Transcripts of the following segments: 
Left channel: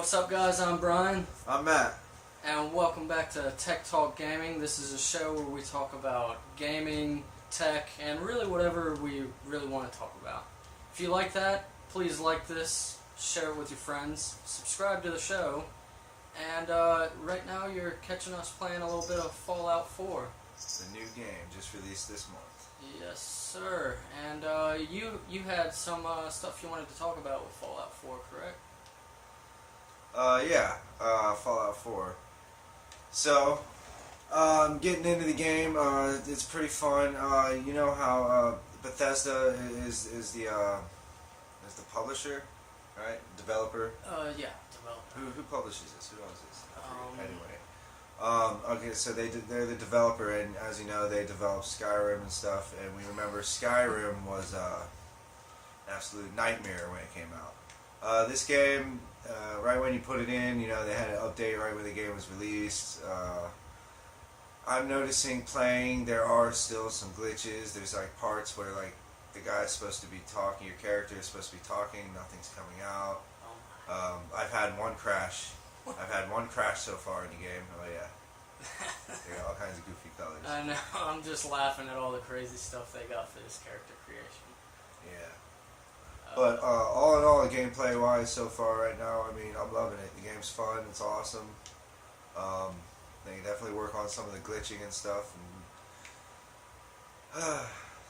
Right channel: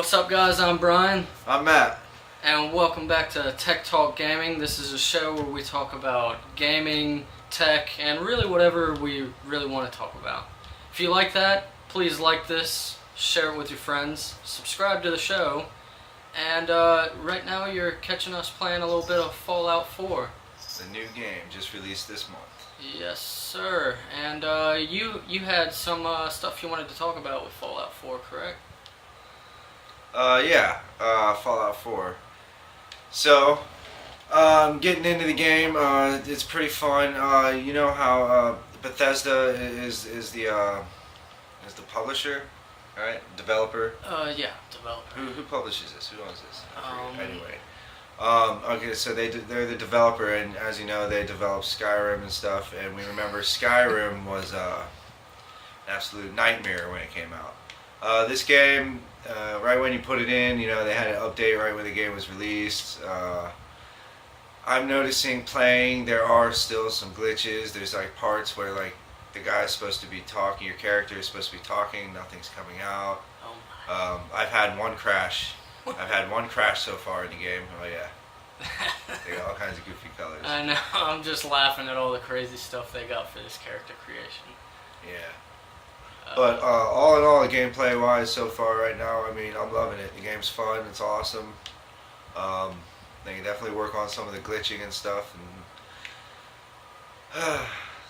What's up, guys? I'm Brian, I'm Matt. and welcome back to Tech Talk Gaming. This is a show where we talk about gaming, tech, and really whatever we really want to talk about. If you like that, please like this, share it with your friends, subscribe to the show, and right now you're catching us playing a little bit of Fallout 4. It's a new game just released this month. Yes, sir. And you had some stuff you wanted to talk about with Fallout 4, correct? Fallout 4. So, getting into the game, it's pretty fun. You know how Bethesda is the publisher, right? Developer. Yeah, developer. Who publishes this? Who owns this? Anyway. Okay, so they're the developer, and as you know, they developed Skyrim and stuff. And we remember Skyrim was an absolute nightmare when it came out. This game. Right when you put it in, you know, they had an update right when the game was released. I'm noticing playing, there are still some glitches. There's like parts where like the guy's supposed to be talking, your character is supposed to be talking, nothing's coming out. Oh my. I've had one crash. I've had one crash so far in the game. Oh yeah. They got all kinds of goofy colors. I know, I'm just laughing at all the crazy stuff they got for this character creation. Yeah. But all in all, gameplay-wise, so far right now, I mean, I'm loving it. The game's fun. It's awesome. They can definitely work on some of the glitching and stuff. And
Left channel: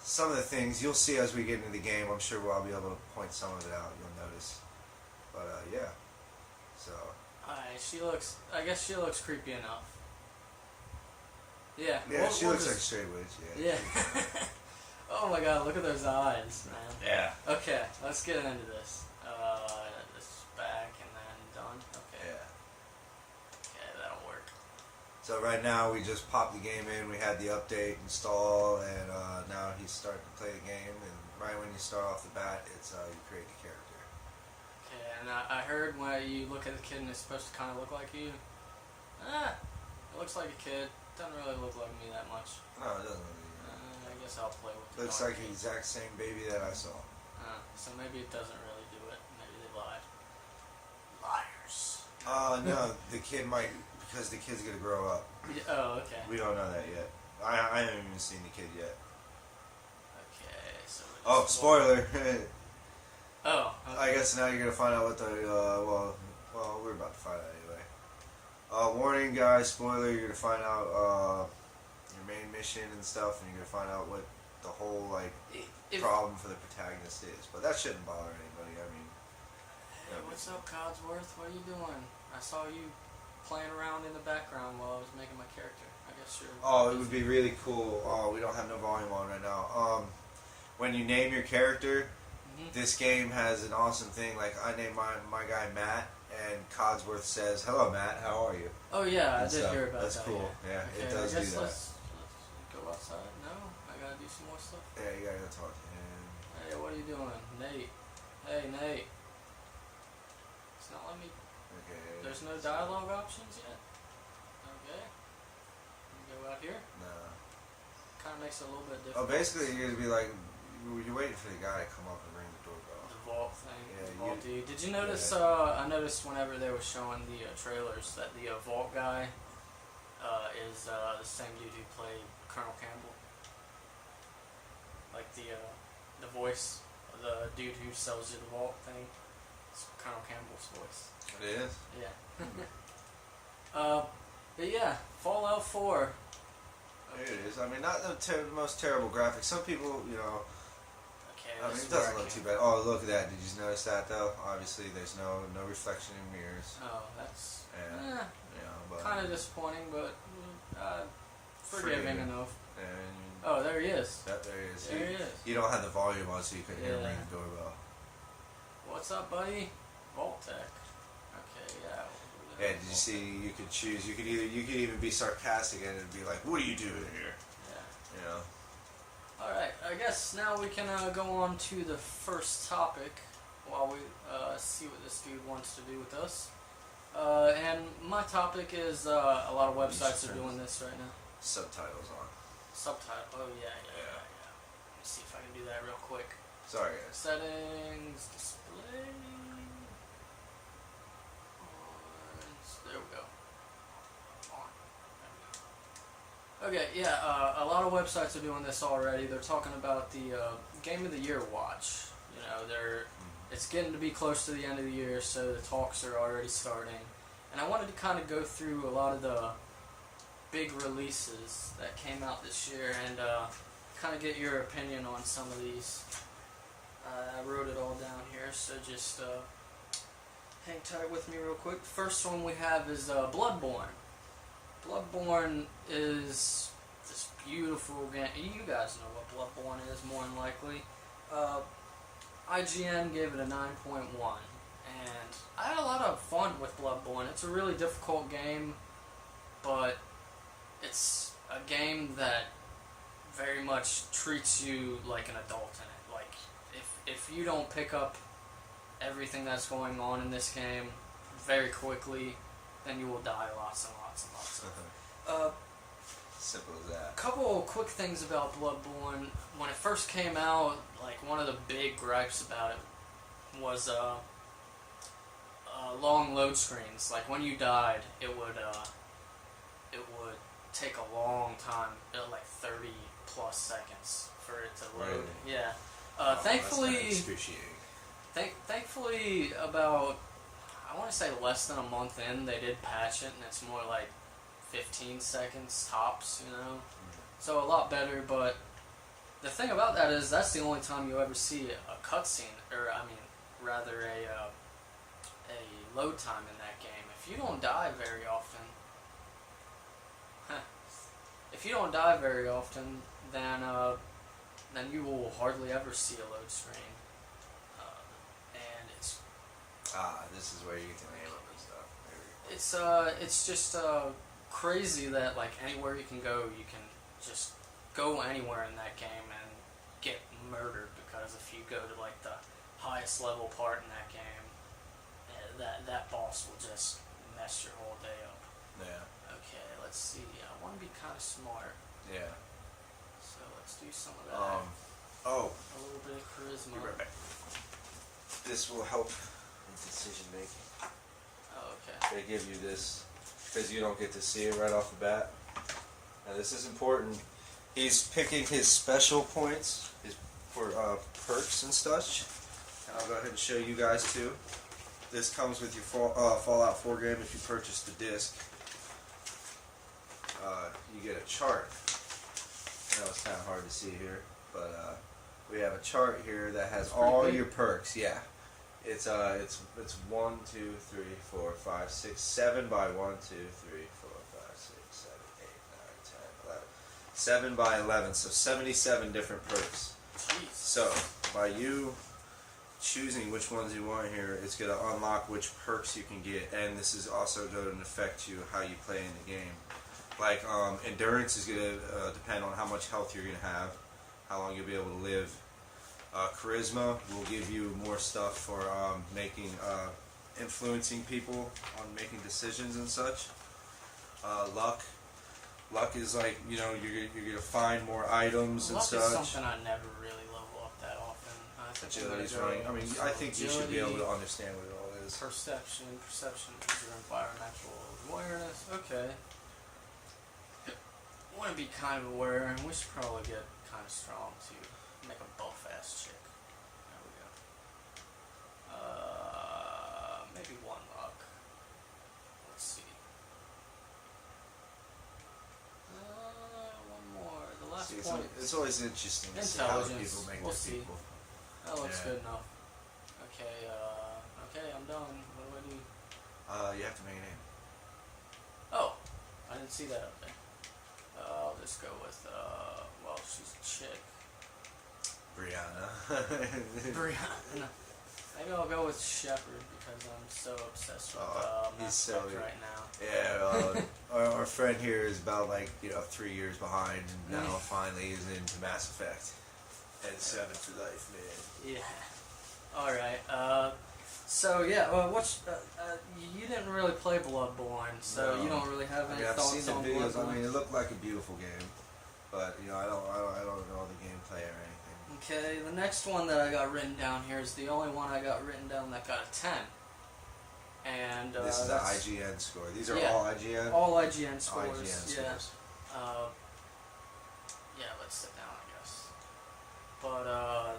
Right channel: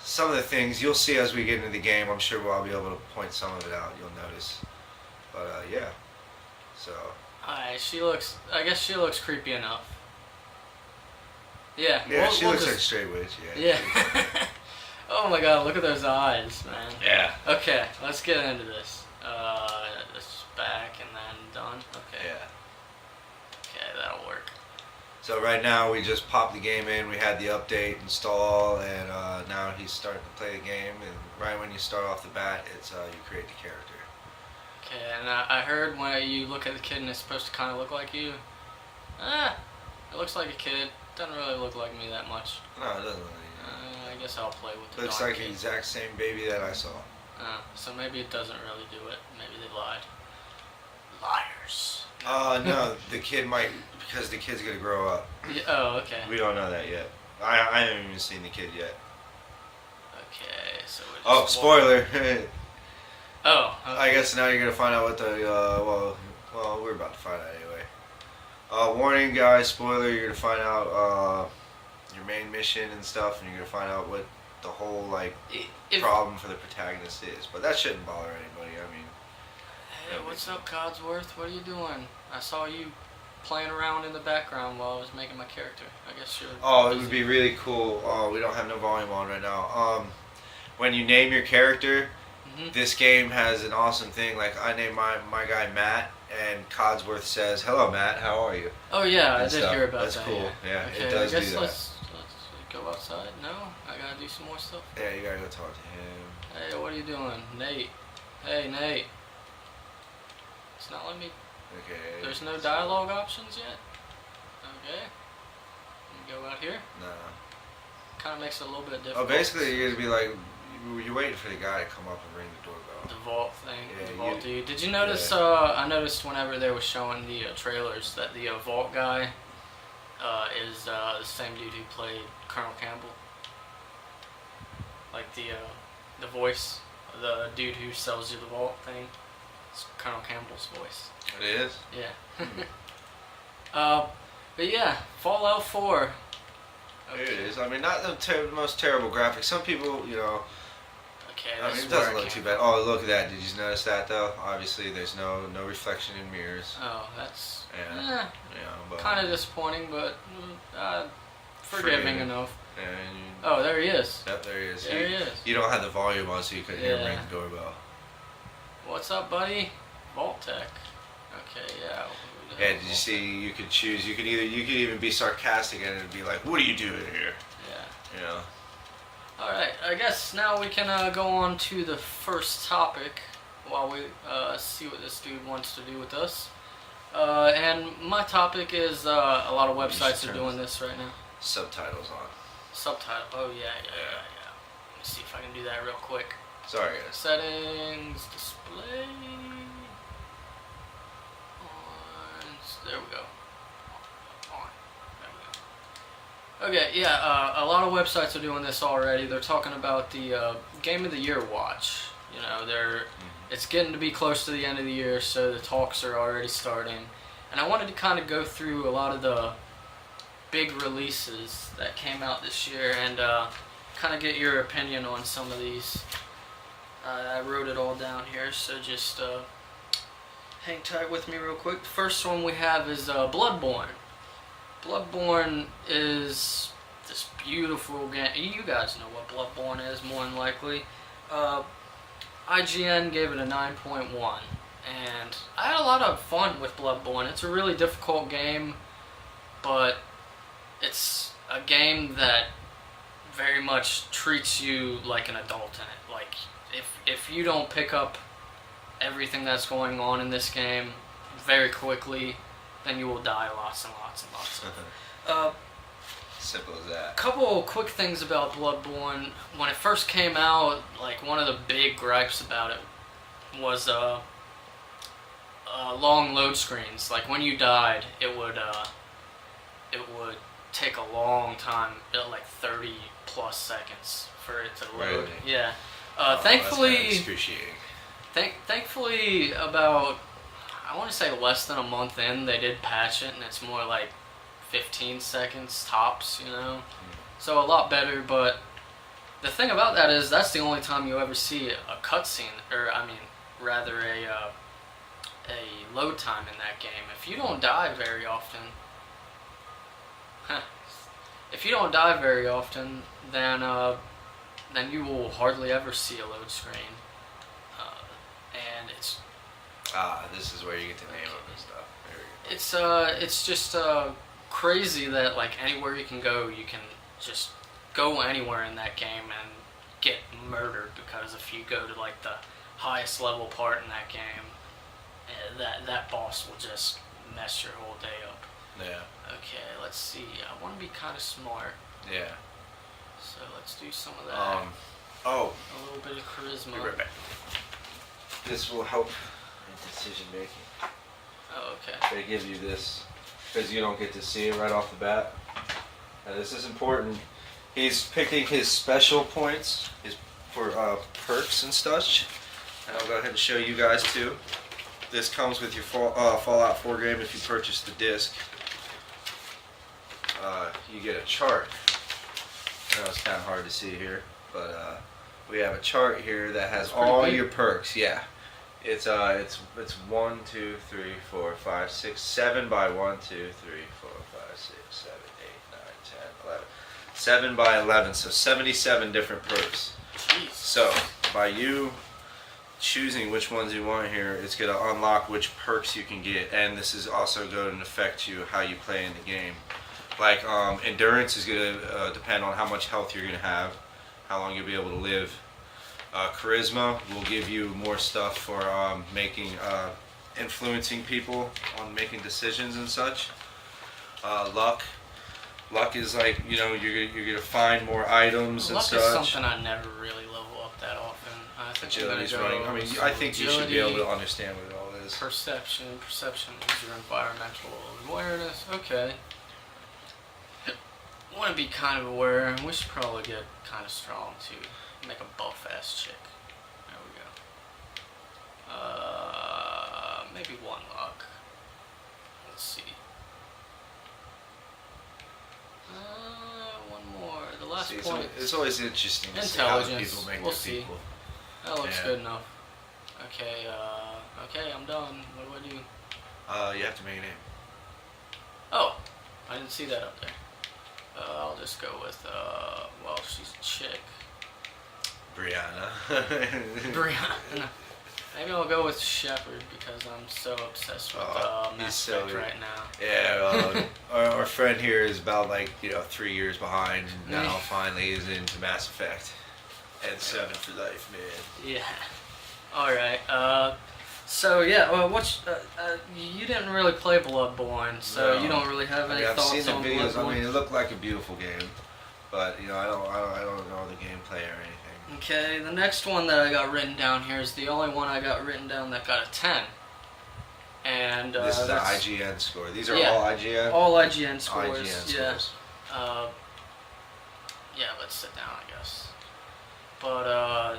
some of the things you'll see as we get into the game. I'm sure I'll be able to point some of it out. You'll notice. But yeah. So. Alright, I guess she looks creepy enough. Yeah. Yeah, she looks like a straight witch. Yeah. Oh my god, look at those eyes, man. Yeah. Okay, let's get into this. This is back and then done. Okay. Yeah. Okay, that'll work. So right now we just popped the game in. We had the update install, and now he's starting to play the game. And right when you start off the bat, it's you create the character. Okay, and I heard when you look at the kid and it's supposed to kind of look like you. It looks like a kid. Doesn't really look like me that much. No, it doesn't. I guess I'll play with the Looks dark like the kid. exact same baby that I saw. So maybe it doesn't really do it. Maybe they lied. Liars. No, the kid might, because the kid's gonna grow up. Yeah, oh, okay. We don't know that yet. I haven't even seen the kid yet. Okay, so we're Oh, just spoiler. Oh, okay. I guess now you're gonna find out what the, well, we're about to find out anyway. Warning guys, spoiler, you're gonna find out, your main mission and stuff, and you're gonna find out what the whole, like, problem for the protagonist is. But that shouldn't bother anybody, I mean. Hey, what's up, Codsworth? What are you doing? I saw you playing around in the background while I was making my character. I guess you're Oh, it busy. would be really cool. Oh, we don't have no volume on right now. When you name your character, this game has an awesome thing. Like, I named my guy Matt, and Codsworth says, "Hello, Matt. How are you?" Oh yeah, I And did stuff. hear about That's that. cool. Yeah, Okay, it does I guess do that. let's go outside. No, I gotta do some more stuff. Yeah, you gotta go talk to him. Hey, what are you doing, Nate? Hey, Nate. It's not letting me. Okay. There's no dialogue options yet. Okay. Let me go out here. Nah. Kind of makes it a little bit Oh, difficult. basically, you're gonna be like, you're waiting for the guy to come up and ring the doorbell. The vault thing, Yeah, the vault you- dude. Did you notice? I noticed whenever they were showing the trailers that the vault guy is the same dude who played Colonel Campbell. Like the voice, the dude who sells you the vault thing. It's Colonel Campbell's voice. It is. Yeah. But yeah, Fallout 4. It is. I mean, not the most terrible graphics. Some people, you know. Okay, I mean, that's it doesn't where look it too came bad. Oh, look at that. Did you notice that though? Obviously, there's no reflection in mirrors. Oh, that's Yeah. Yeah, but kind of disappointing, but forgiving enough. and Oh, there he is. yep, there he is. There he is. You don't have the volume on, so you couldn't hear him Yeah. ring the doorbell. What's up, buddy? Vault Tech. Okay, yeah. Yeah, did you see? You could choose. You could even be sarcastic and it'd be like, "What are you doing here?" Yeah. You know. Alright, I guess now we can go on to the first topic while we see what this dude wants to do with us. And my topic is a lot of websites are doing this right now. Subtitles on. Subtitle. Oh, yeah. Let me see if I can do that real quick. Sorry, guys. Settings, display. Okay, yeah, a lot of websites are doing this already. They're talking about the Game of the Year watch. You know, it's getting to be close to the end of the year, so the talks are already starting. And I wanted to kind of go through a lot of the big releases that came out this year and kind of get your opinion on some of these. I wrote it all down here, so just hang tight with me real quick. The first one we have is Bloodborne. Bloodborne is this beautiful game. You guys know what Bloodborne is, more than likely. IGN gave it a 9.1, and I had a lot of fun with Bloodborne. It's a really difficult game, but it's a game that very much treats you like an adult in it. Like, if you don't pick up everything that's going on in this game very quickly, then you will die lots and lots and lots. Simple as that. Couple quick things about Bloodborne. When it first came out, like one of the big gripes about it was long load screens. Like when you died, it would take a long time, like 30 plus seconds for it to load. Really? Yeah. Thankfully, that's excruciating. Thankfully, about I want to say less than a month in, they did patch it, and it's more like 15 seconds tops, you know? So a lot better, but the thing about that is that's the only time you ever see a cutscene, or I mean, rather a load time in that game. If you don't die very often, then you will hardly ever see a load screen, and it's. This is where you get the name of and stuff. It's just crazy that like anywhere you can go, you can just go anywhere in that game and get murdered, because if you go to like the highest level part in that game, that boss will just mess your whole day up. Yeah. Okay, let's see. I want to be kind of smart. Yeah. So let's do some of that. A little bit of charisma. Be right back. This will help in decision making. Oh, okay. They give you this because you don't get to see it right off the bat. Now this is important. He's picking his special points for perks and such. And I'll go ahead and show you guys too. This comes with your Fallout 4 game if you purchase the disc. You get a chart. I know it's kind of hard to see here, but we have a chart here that has all your perks. Yeah, it's 1, 2, 3, 4, 5, 6, 7 by 1, 2, 3, 4, 5, 6, 7, 8, 9, 10, 11. 7 by 11, so 77 different perks. Jeez. So by you choosing which ones you want here, it's going to unlock which perks you can get, and this is also going to affect you how you play in the game. Like endurance is going to depend on how much health you're going to have, how long you'll be able to live. Charisma will give you more stuff for influencing people on making decisions and such. Luck is like, you know, you're going to find more items and such. Luck is something I never really level up that often. I think Agility's running. I mean, I think you should be able to understand what it all is. Perception is your environmental awareness. Okay. I want to be kind of aware, and we should probably get kind of strong to make a buff ass chick. There we go. Maybe 1 luck. Let's see. 1 more. The last point. It's always interesting to see how people make We'll their see. people. That looks good enough. Okay, I'm done. What do I do? You have to make a name. Oh, I didn't see that up there. I'll just go with, she's a chick. Brianna. Brianna. Maybe I'll go with Shepard because I'm so obsessed with Mass Effect right now. Yeah, our friend here is about 3 years behind, and now finally is into Mass Effect. And 7 for life, man. Yeah. Alright, so yeah, you didn't really play Bloodborne, so you don't really have any thoughts I've seen on the videos. Bloodborne. I mean, it looked like a beautiful game, but I don't know the gameplay or anything. Okay, the next one that I got written down here is the only one I got written down that got a 10. And this is the IGN score. These are all IGN. All IGN scores. IGN yeah. scores. Yeah, let's sit down, I guess. But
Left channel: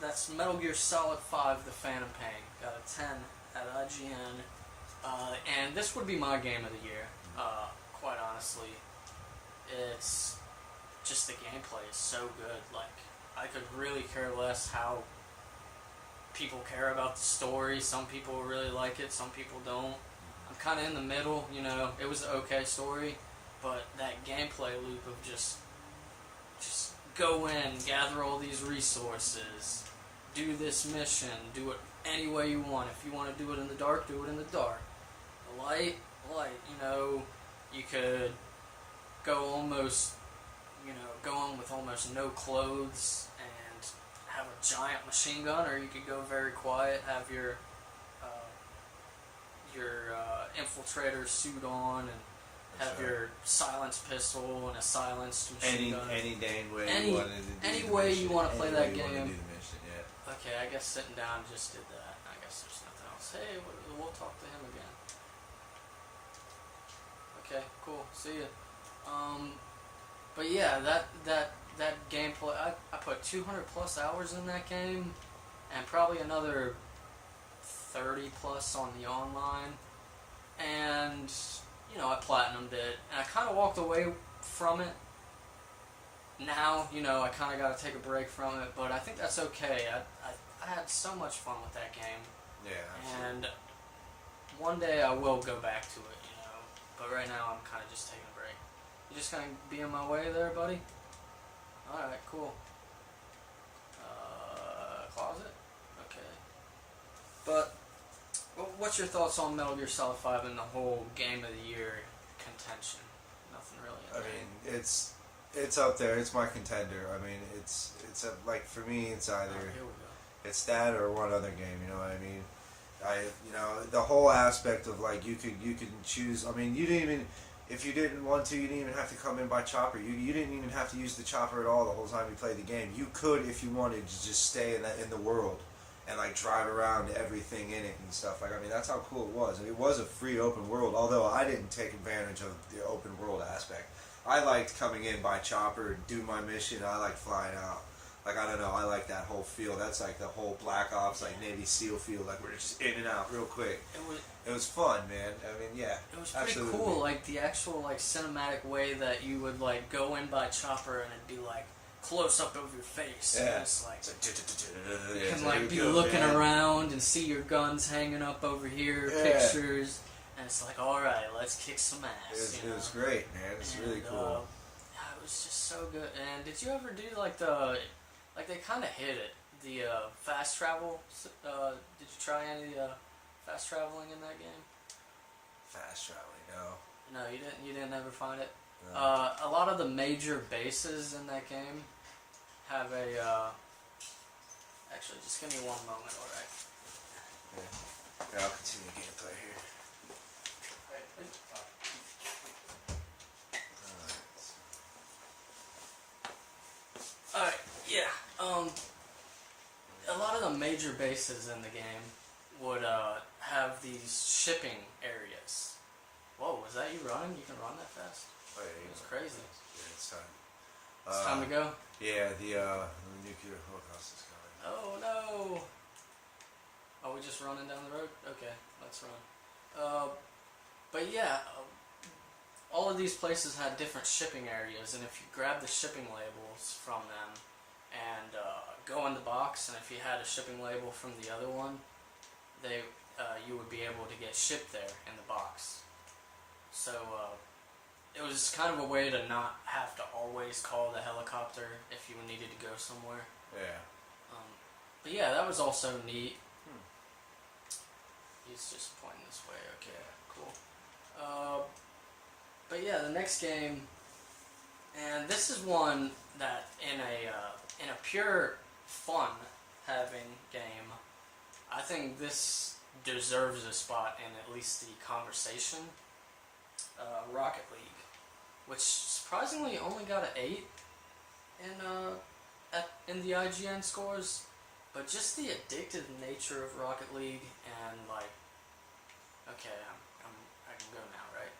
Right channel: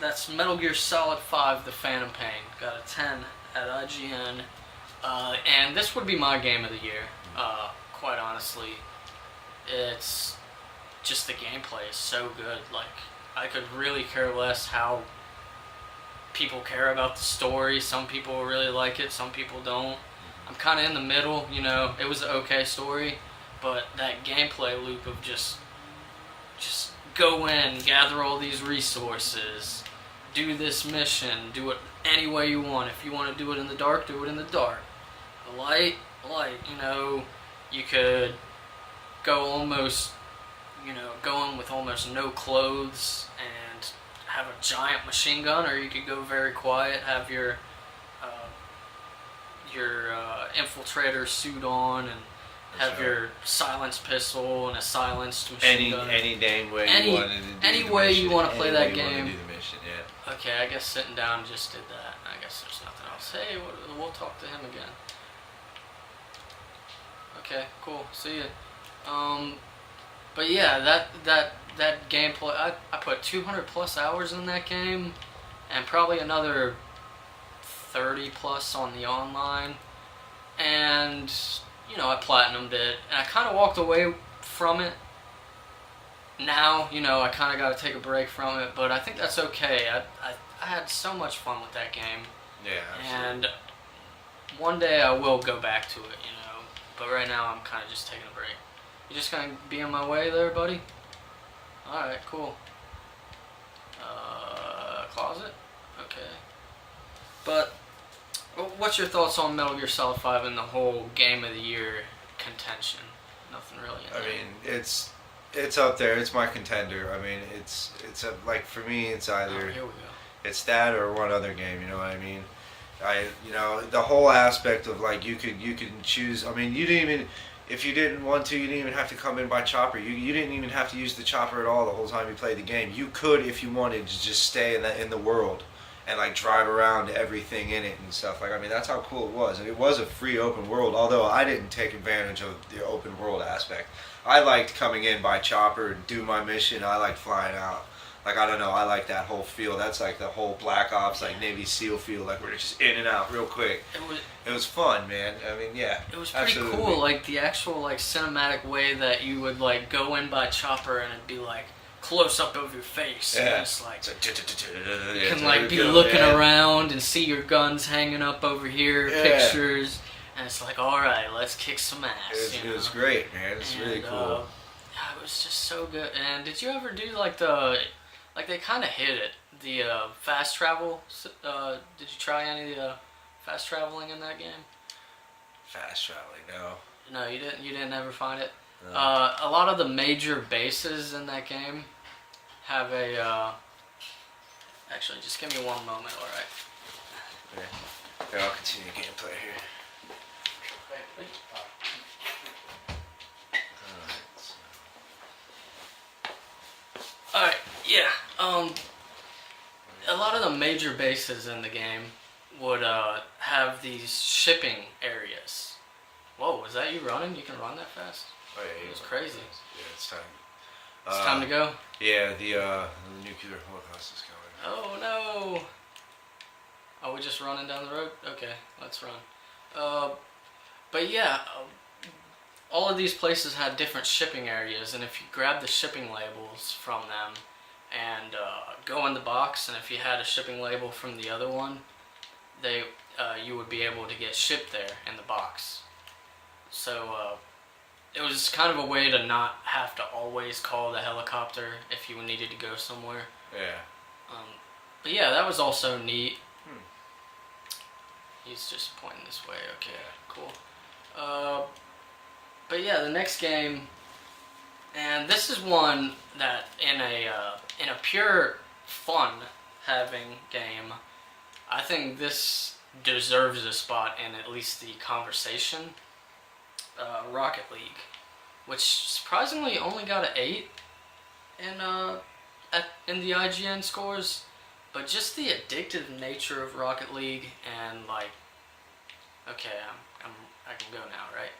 that's Metal Gear Solid 5: The Phantom Pain. Got a 10 at IGN. And this would be my game of the year. Quite honestly, it's just the gameplay is so good. Like, I could really care less how people care about the story. Some people really like it, some people don't. I'm kind of in the middle, you know. It was an okay story, but that gameplay loop of just go in, gather all these resources, do this mission, do it any way you want. If you want to do it in the dark, do it in the dark. The light, you know, you could go in with almost no clothes and have a giant machine gun, or you could go very quiet, have your infiltrator suit on, and have your silenced pistol and a silenced machine gun. Any dang way you wanted to do any the way mission, you want to play any that way you wanna game. do the mission, yeah. Okay, I guess sitting down just did that. I guess there's nothing else. Hey, we'll talk to him again. Okay, cool. See ya. But yeah, that gameplay. I put 200 plus hours in that game, and probably another 30 plus on the online, and you know, I platinumed it, and I kind of walked away from it. Now, you know, I kind of got to take a break from it, but I think that's okay. I had so much fun with that game. Yeah, absolutely. And one day I will go back to it, you know. But right now I'm kind of just taking a break. You just gonna be on my way there, buddy? Alright, cool. Closet? Okay. But what's your thoughts on Metal Gear Solid 5 and the whole Game of the Year contention? Nothing really in there. I mean, it's up there. It's my contender. I mean, it's like for me, it's either Here we go. it's that or one other game. You know what I mean? The whole aspect of like you can choose. I mean, you didn't even if you didn't want to, you didn't even have to come in by chopper. You didn't even have to use the chopper at all the whole time you played the game. You could, if you wanted, to just stay in the world and like drive around everything in it and stuff. Like, I mean, that's how cool it was. And it was a free open world. Although I didn't take advantage of the open world aspect. I liked coming in by chopper and do my mission. I liked flying out. Like, I don't know, I like that whole feel. That's like the whole Black Ops, like Navy SEAL feel. Like, we're just in and out real quick. It was fun, man. I mean, yeah. It was pretty cool, like the actual like cinematic way that you would like go in by chopper and it'd be like close up of your face. Yeah. And it's like you can like be looking around and see your guns hanging up over here, pictures, and it's like, all right, let's kick some ass. It was great, man. It's really cool. Yeah, it was just so good. And did you ever do like they kind of hit it, the fast travel? Did you try any of the fast traveling in that game? Fast traveling, no. No, you didn't. You didn't ever find it. No. A lot of the major bases in that game have a. Actually, just give me one moment. All right. Okay, I'll continue gameplay here. All right. Yeah. A lot of the major bases in the game would have these shipping areas. Whoa, was that you running? You can run that fast? Oh, yeah, It was crazy. Yeah, it's time. It's time to go? Yeah, the nuclear house is coming. Oh no! Are we just running down the road? Okay, let's run. But yeah, all of these places had different shipping areas, and if you grab the shipping labels from them and go in the box, and if you had a shipping label from the other one, you would be able to get shipped there in the box. So it was kind of a way to not have to always call the helicopter if you needed to go somewhere. Yeah. But yeah, that was also neat. He's just pointing this way. Okay, cool. But yeah, the next game, and this is one that in a pure fun having game, I think this deserves a spot in at least the conversation. Rocket League, which surprisingly only got an 8 in the IGN scores, but just the addictive nature of Rocket League and like, okay, I can go now, right?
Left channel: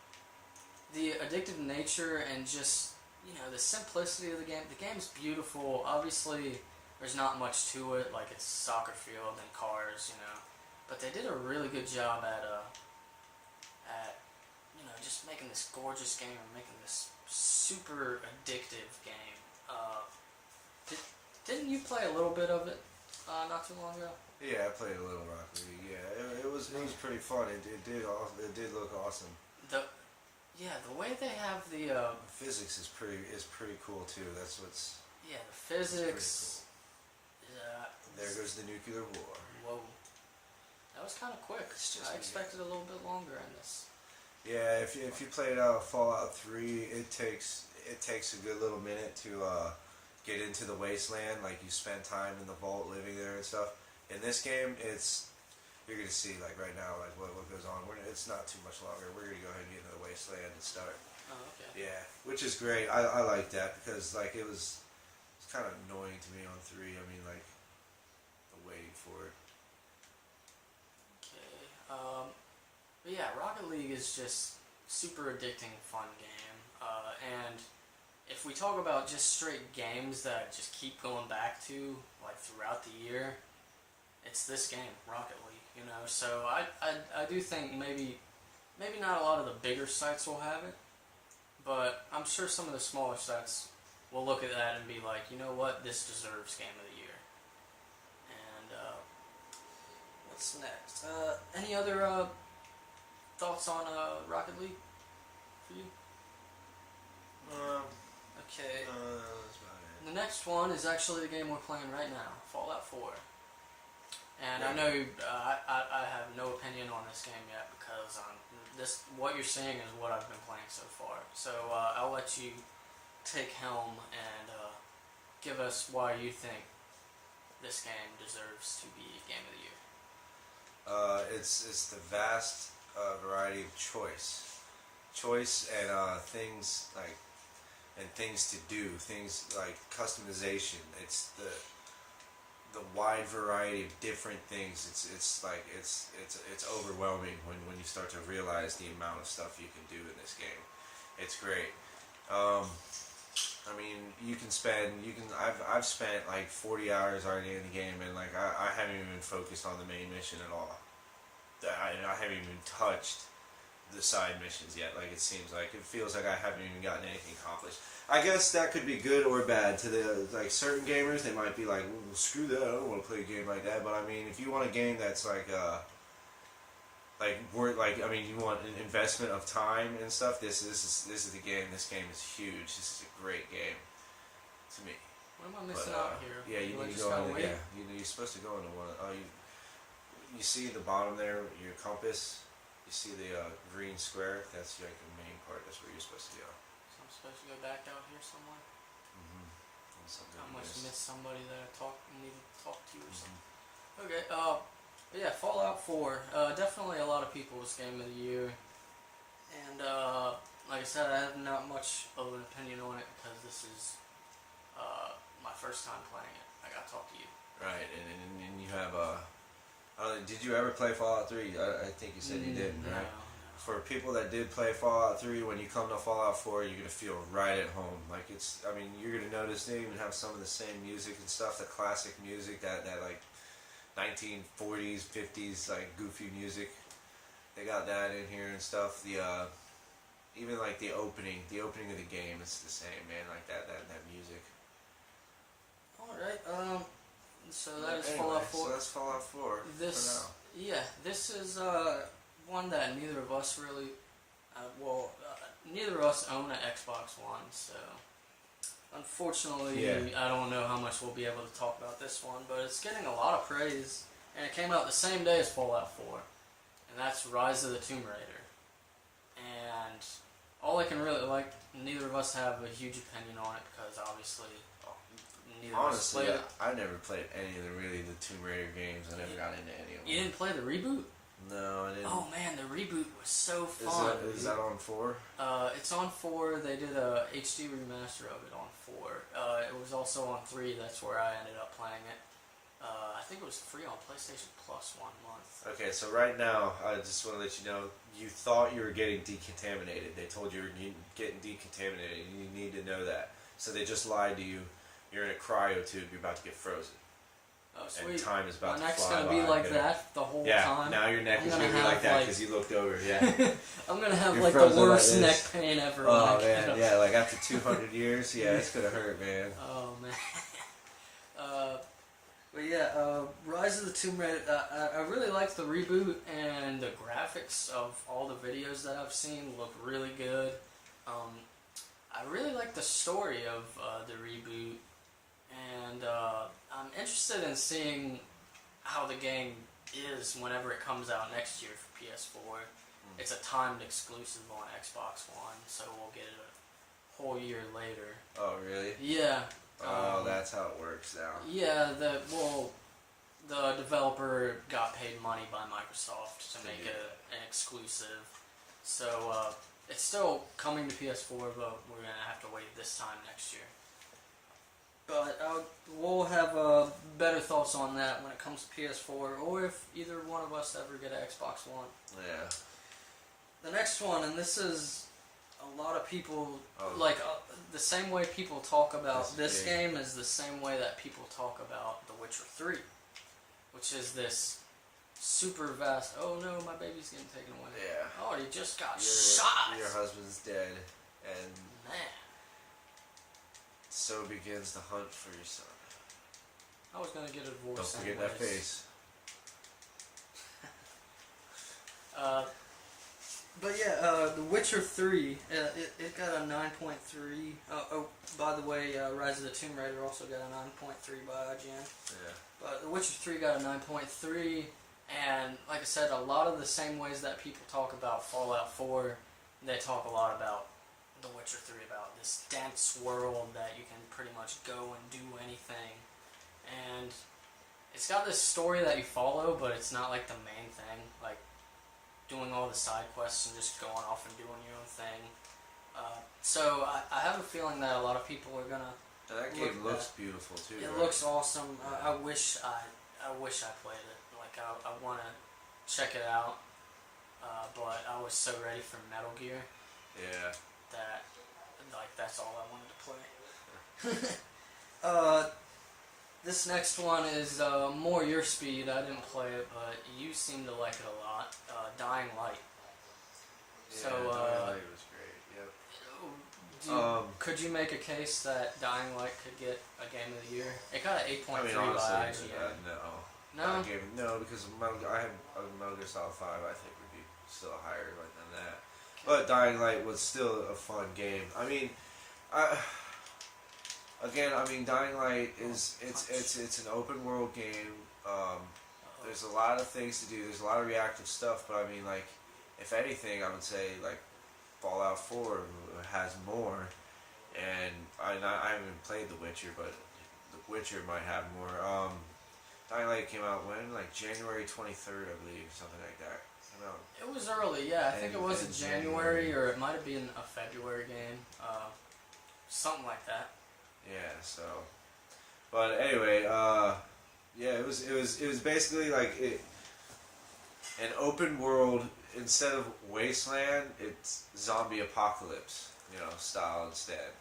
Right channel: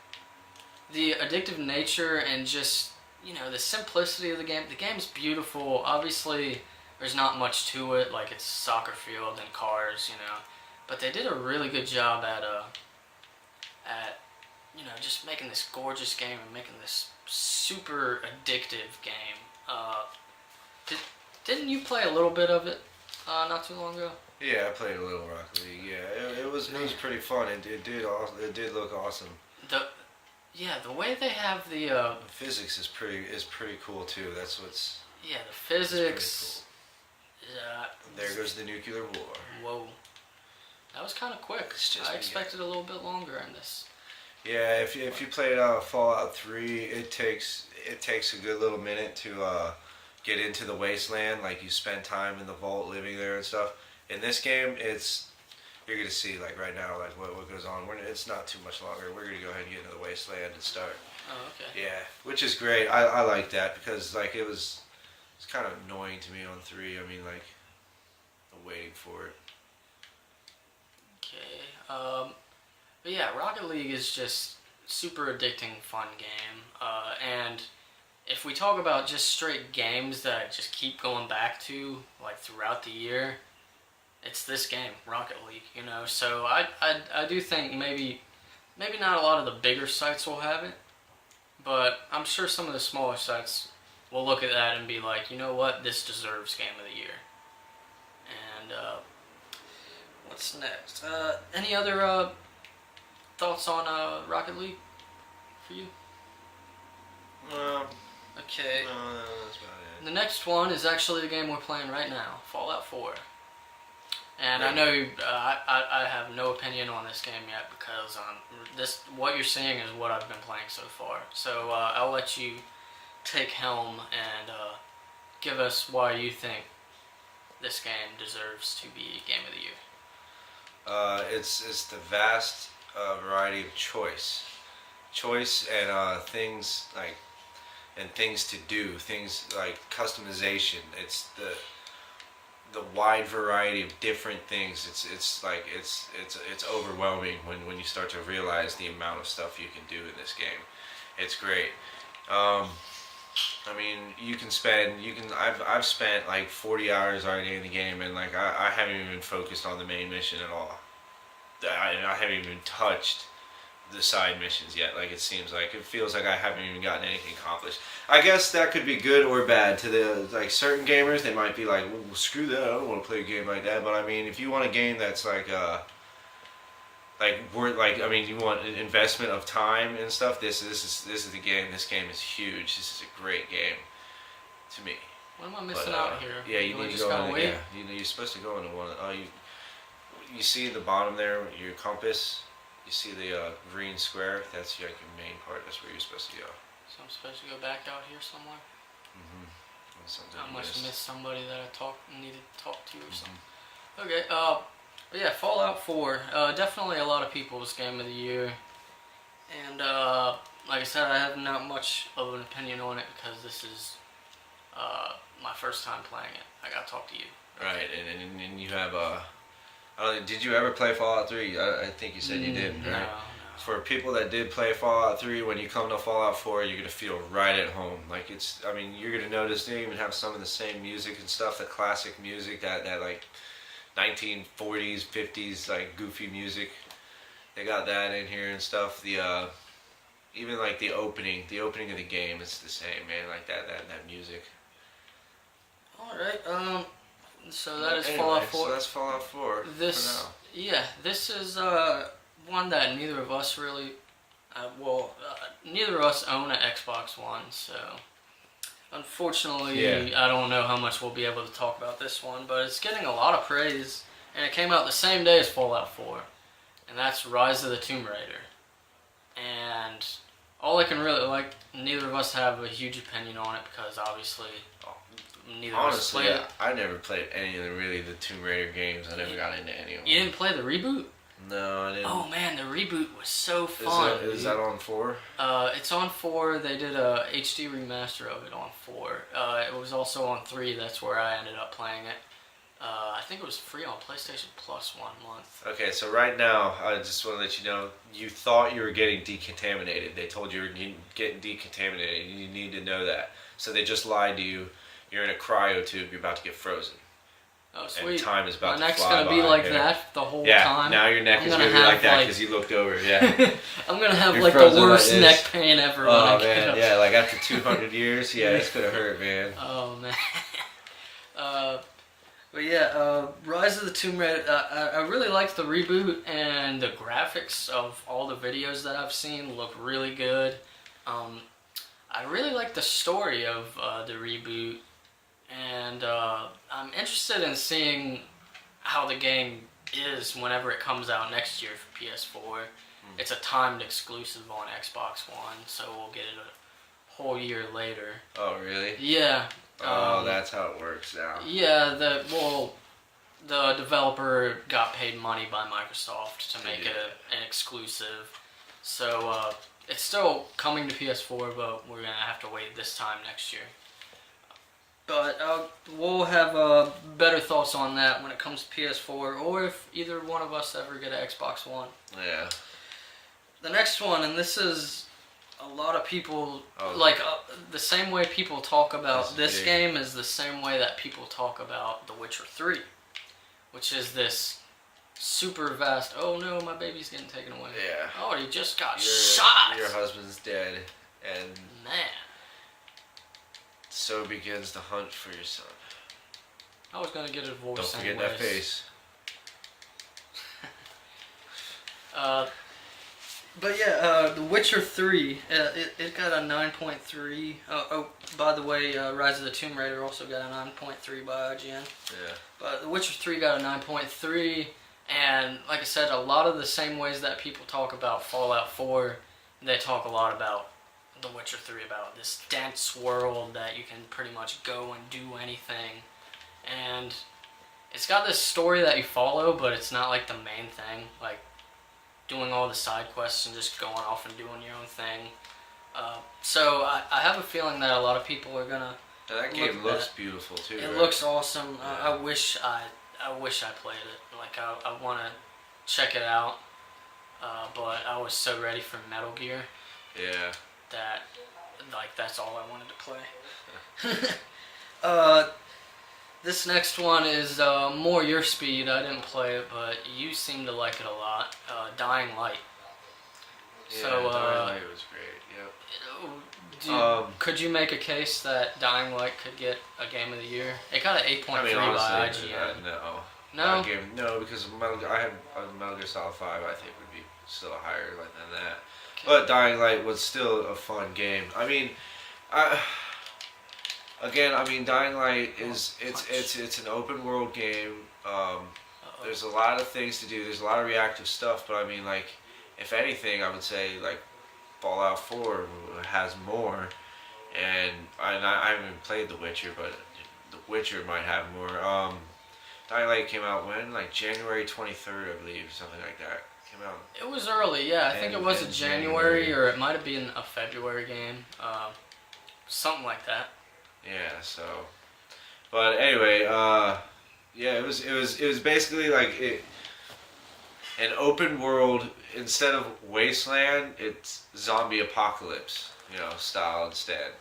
The addictive nature and just the simplicity of the game. The game's beautiful. Obviously, there's not much to it. Like it's a soccer field and cars. But they did a really good job at just making this gorgeous game and making this super addictive game. Didn't you play a little bit of it not too long ago? Yeah, I played a little Rocket League. Yeah, it was pretty fun. It did look awesome. The way they have the Physics is pretty cool too. That's what's. Yeah, the physics. Cool. There goes the nuclear war. Whoa, that was kind of quick. I expected a little bit longer in this. Yeah, if you played Fallout 3, it takes a good little minute to get into the wasteland. Like you spend time in the vault, living there and stuff. In this game, you're gonna see like right now like what goes on. It's not too much longer. We're gonna go ahead and get into the wasteland and start. Oh, okay. Yeah, which is great. I like that because like it's kind of annoying to me on 3. I mean like waiting for it. Okay. But yeah, Rocket League is just super addicting, fun game. And if we talk about just straight games that I just keep going back to like throughout the year, it's this game, Rocket League. So I do think maybe not a lot of the bigger sites will have it, but I'm sure some of the smaller sites will look at that and be like, you know what, this deserves Game of the Year. And what's next? Any other thoughts on Rocket League for you? Okay. That's about it. The next one is actually the game we're playing right now, Fallout 4. And I know I have no opinion on this game yet because what you're seeing is what I've been playing so far. So I'll let you take helm and give us why you think this game deserves to be Game of the Year. It's the vast variety of choice and things like and things to do, things like customization. It's the wide variety of different things. It's overwhelming when you start to realize the amount of stuff you can do in this game. It's great. I mean, I've spent like 40 hours already in the game, and like I haven't even focused on the main mission at all. I haven't even touched the side missions yet. Like it seems like it feels like I haven't even gotten anything accomplished. I guess that could be good or bad to the like certain gamers. They might be like, well, screw that. I don't want to play a game like that. But I mean, if you want a game that's I mean, you want an investment of time and stuff. This is the game. This game is huge. This is a great game to me. What am I missing out here? Yeah, you need to go. Yeah, you're supposed to go into one. You see the bottom there, your compass. You see the green square? That's like your main part. That's where you're supposed to go. So I'm supposed to go back out here somewhere? I must have missed somebody that I needed to talk to or something. Okay, but yeah, Fallout 4. Definitely a lot of people's Game of the Year. And like I said, I have not much of an opinion on it because this is my first time playing it. I gotta talk to you. Right, and you have did you ever play Fallout 3? I think you said you did. Right? No. For people that did play Fallout 3, when you come to Fallout 4, you're going to feel right at home. Like you're going to notice they even have some of the same music and stuff, the classic music, that like 1940s, 50s, like goofy music. They got that in here and stuff. The even like the opening of the game, it's the same, man. Like that music. All right. So that is Fallout 4. So that's Fallout 4. This is one that neither of us really. Neither of us own an Xbox One, so unfortunately, I don't know how much we'll be able to talk about this one. But it's getting a lot of praise, and it came out the same day as Fallout 4, and that's Rise of the Tomb Raider. And all I can really neither of us have a huge opinion on it because obviously. Honestly, I never played any of the Tomb Raider games. I never got into any of them. You didn't play the reboot? No, I didn't. Oh man, the reboot was so fun. Is that on 4? It's on 4. They did a HD remaster of it on 4. It was also on 3. That's where I ended up playing it. I think it was free on PlayStation Plus 1 month. Okay, so right now, I just want to let you know, you thought you were getting decontaminated. They told you were getting decontaminated. You need to know that. So they just lied to you. You're in a cryo tube. You're about to get frozen. Oh, And sweet. time is about My to neck's fly gonna be by, like that the whole time. Yeah, now your neck I'm is gonna going to be have, like that like- because you looked over. Yeah. I'm gonna have You're like the frozen like worst this. neck pain ever when I Oh get man, up. yeah, like after 200 years, yeah, it's gonna hurt, man. Oh man. But yeah, Rise of the Tomb Raider. I really like the reboot, and the graphics of all the videos that I've seen look really good. I really like the story of the reboot, and I'm interested in seeing how the game is whenever it comes out next year for PS4. It's a timed exclusive on Xbox One, so we'll get it a whole year later. Oh really? Yeah. Oh, that's how it works now. Yeah, the developer got paid money by Microsoft to make it an exclusive. So it's still coming to PS4, but we're gonna have to wait this time next year. But we'll have better thoughts on that when it comes to PS4, or if either one of us ever get an Xbox One. Yeah. The next one, and this is a lot of people Oh. like the same way people talk about That's this big. game is the same way that people talk about The Witcher 3, which is this super vast. Oh no, my baby's getting taken away. Yeah. Oh, he just got Your, shot. Your husband's dead, and Man, so begins the hunt for your son. I was gonna get a Don't divorce forget anyways. that face. But yeah, The Witcher 3, it got a 9.3. Oh, by the way, Rise of the Tomb Raider also got a 9.3 by IGN. Yeah. But The Witcher 3 got a 9.3, and like I said, a lot of the same ways that people talk about Fallout 4, they talk a lot about The Witcher 3, about this dense world that you can pretty much go and do anything. And it's got this story that you follow, but it's not like the main thing, like doing all the side quests and just going off and doing your own thing. So I have a feeling that a lot of people are gonna. And that game looks beautiful too. It right? looks awesome. I wish I played it. Like I want to check it out, but I was so ready for Metal Gear Yeah. that like that's all I wanted to play. This next one is more your speed. I didn't play it, but you seem to like it a lot. Dying Light. Yeah, So, Dying Light was great. Yep. Could you make a case that Dying Light could get a Game of the Year? It got an 8.3 I mean, by honestly, IGN. no. No? No, because I have Metal Gear Solid 5. I think would be still higher than that. But Dying Light was still a fun game. I mean, Dying Light is it's an open world game. There's a lot of things to do. There's a lot of reactive stuff, but I mean, like, if anything, I would say like Fallout 4 has more. And I haven't even played The Witcher, but The Witcher might have more. Dying Light came out when, like January 23rd, I believe, something like that. Came out. It was early, yeah. I think it was a January, or it might have been a February game. Something like that. Yeah. So, but anyway, yeah, it was basically like an open world instead of wasteland. It's zombie apocalypse, style instead.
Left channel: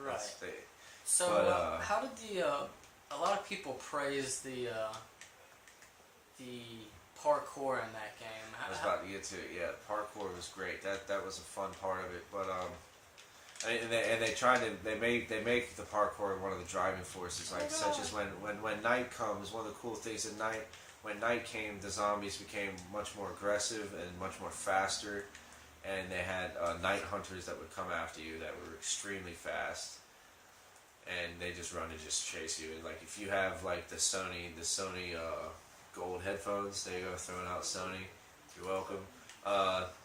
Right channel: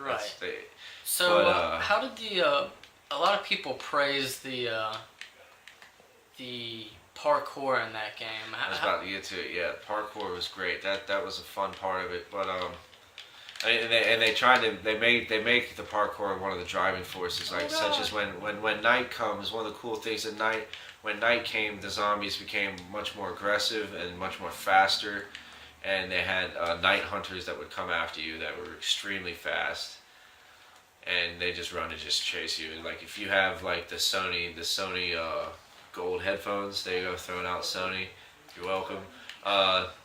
Right. They, So, but, how did a lot of people praise the parkour in that game. I was about to get to it. Yeah, parkour was great. That was a fun part of it. But they make the parkour one of the driving forces. Like such as when night comes. One of the cool things at night. When night came, the zombies became much more aggressive and much more faster. And they had night hunters that would come after you that were extremely fast. And they just run and just chase you. And like if you have like the Sony gold headphones, there you go, throwing out Sony. You're welcome.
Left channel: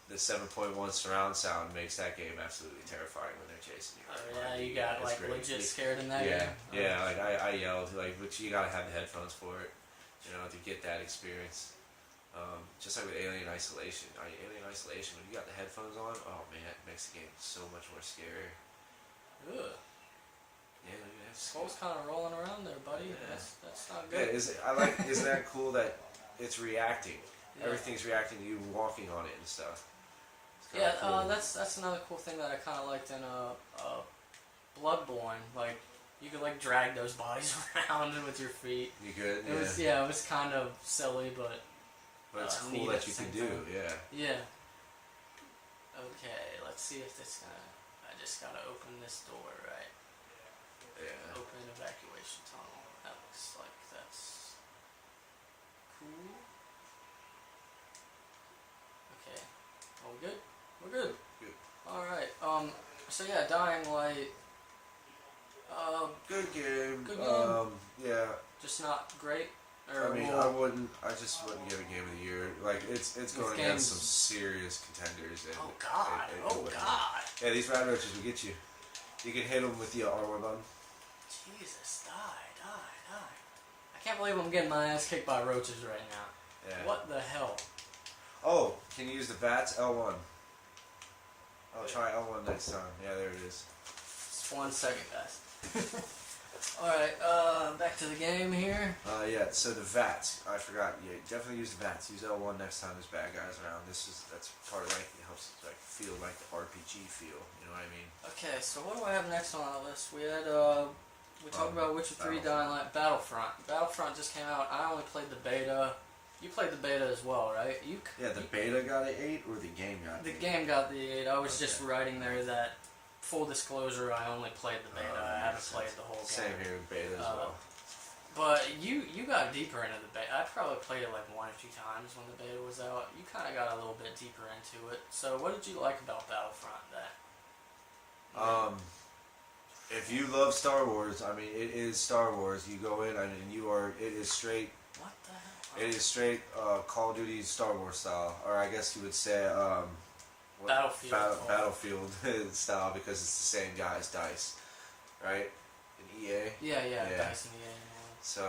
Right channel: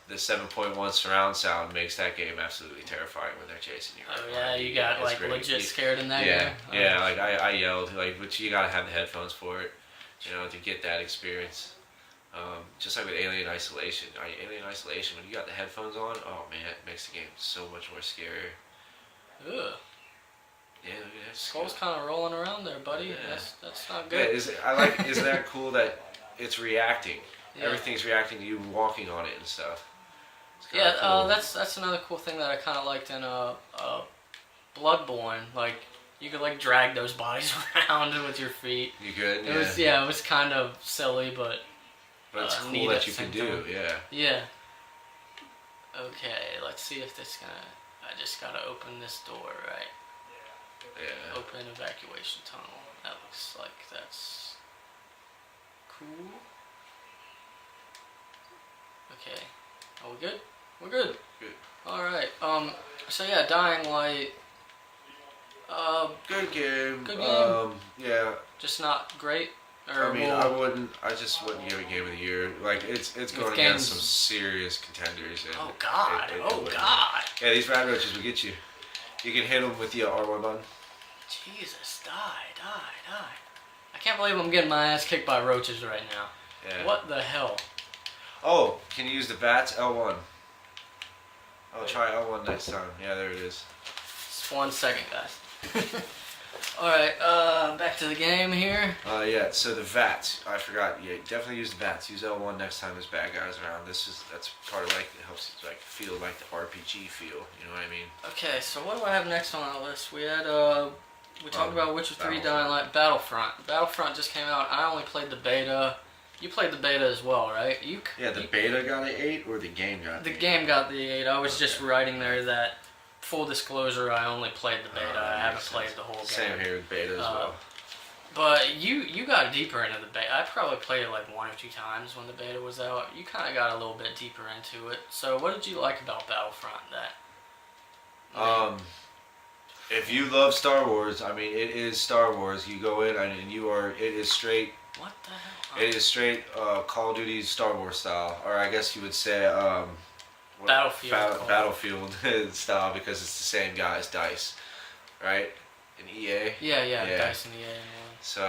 The 7.1 surround sound makes that game absolutely terrifying when they're chasing you. Oh yeah, you got like legit scared in that game. game. Yeah, like I yelled, like, but you gotta have the headphones for it, to get that experience. Just like with Alien Isolation. Alien Isolation, when you got the headphones on, oh man, it makes the game so much more scarier. Ugh. Yeah, it's Skull's kind of rolling around there, buddy. Yeah. That's not Yeah, good. isn't that cool that it's reacting? Yeah. Everything's reacting to you walking on it and stuff. It's Yeah, kinda cool. that's another cool thing that I kind of liked in Bloodborne. Like you could like drag those bodies around with your feet. You good? It was kind of silly, but But it's cool neat that at you the can same do. time. Yeah. Yeah. Okay, let's see if this gonna. I just gotta open this door, right? Yeah. Open evacuation tunnel. That looks like that's cool. Okay. Are we good? We're good. Good. All right. So yeah, Dying Light. Good game. Good game. Yeah. Just not great. I Or mean, well, I just wouldn't give it Game of the Year. Like, it's going games- against some serious contenders. And oh god. it Oh wouldn't. god. Yeah, these rat roaches will get you. You can hit them with the R1 button. Jesus, die. I can't believe I'm getting my ass kicked by roaches right now. Yeah. What the hell? Oh, can you use the bats? L1. I'll try L1 next time. Yeah, there it is. Just 1 second, guys. Alright, back to the game here. Yeah, so the VATS. I forgot. Yeah, definitely use the VATS. Use L1 next time there's bad guys around. That's part of like, it helps like feel like the RPG feel. You know what I mean? Okay, so what do I have next on the list? We had, we talked about Witcher 3, Battlefront. Dying Light, Battlefront. Battlefront just came out. I only played the beta. You played the beta as well, right? Yeah, the beta got an 8 or the game got The an 8? game got the 8. I was just writing there that, full disclosure, I only played the beta. I haven't played the whole game. Same here with beta as well. But you got deeper into the beta. I probably played it like 1 or 2 times when the beta was out. You kind of got a little bit deeper into it. So what did you like about Battlefront? If you love Star Wars, I mean, it is Star Wars. You go in and it is straight. What the hell? It is straight Call of Duty Star Wars style, or I guess you would say Battlefield. Battlefield style, because it's the same guys, DICE, right? In EA. Yeah, Yeah. Dyson EA. So,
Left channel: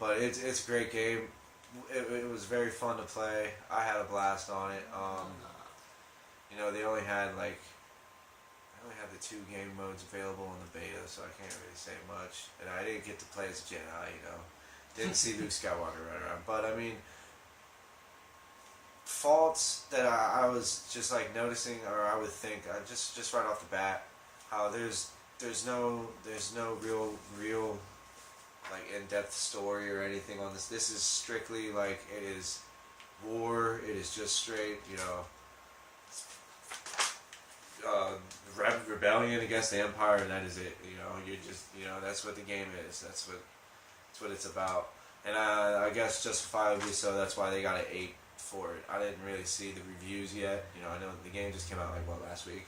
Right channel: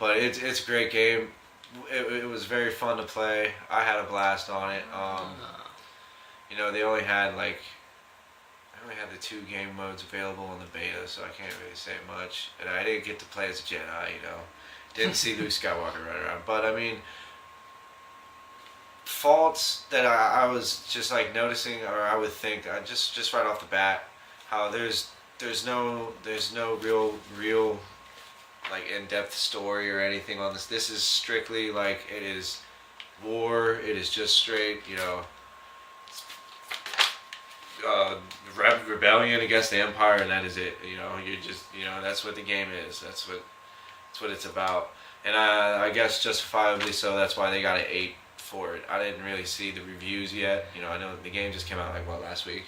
but it's a great game. It was very fun to play. I had a blast on it. You know, they only had the 2 game modes available on the beta, so I can't really say much. And I didn't get to play as a Jedi, you know. Didn't see Luke Skywalker run around. But I mean, faults that I was just like noticing, or I would think, just right off the bat, how there's no real like in-depth story or anything on this. This is strictly like, it is war. It is just straight, you know, rebellion against the Empire, and that is it. You know, that's what the game is. That's what it's about. And I guess justifiably so. That's why they got an 8 for it. I didn't really see the reviews yet. You know, I know the game just came out like last week.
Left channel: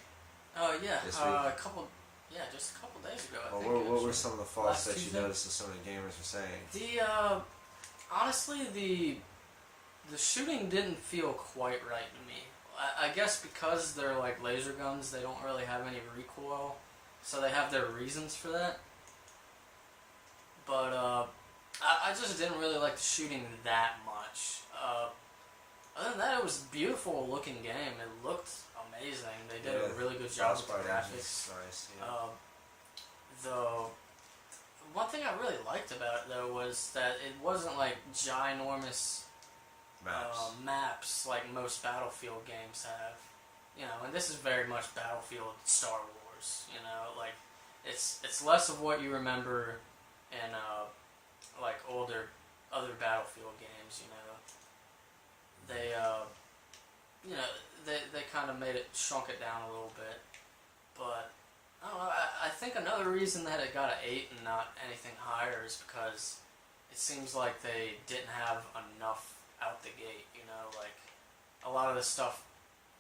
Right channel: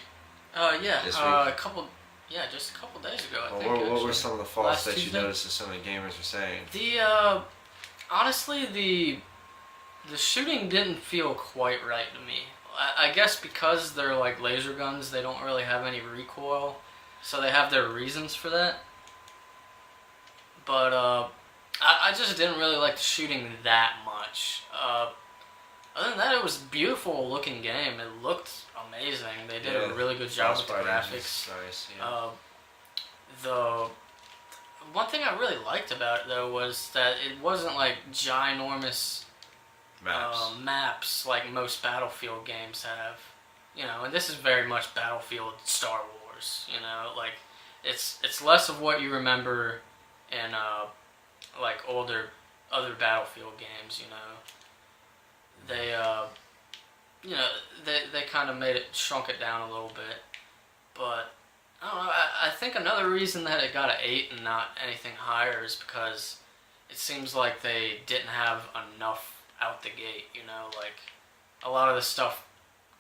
Yeah. This week? Just a couple days ago, I think. What were some of the faults Last that you Tuesday? noticed that some of the gamers were saying? Honestly, the shooting didn't feel quite right to me. I guess because they're like laser guns, they don't really have any recoil, so they have their reasons for that. But I just didn't really like the shooting that much. Other than that, it was a beautiful looking game. It looked amazing. They did a really good job with the graphics. Nice, yeah. The one thing I really liked about it though was that it wasn't like ginormous maps like most Battlefield games have. You know, and this is very much Battlefield Star Wars. You know, like it's less of what you remember in like other Battlefield games. You know, they kind of shrunk it down a little bit, but I don't know. I think another reason that it got an 8 and not anything higher is because it seems like they didn't have enough out the gate. You know, like a lot of the stuff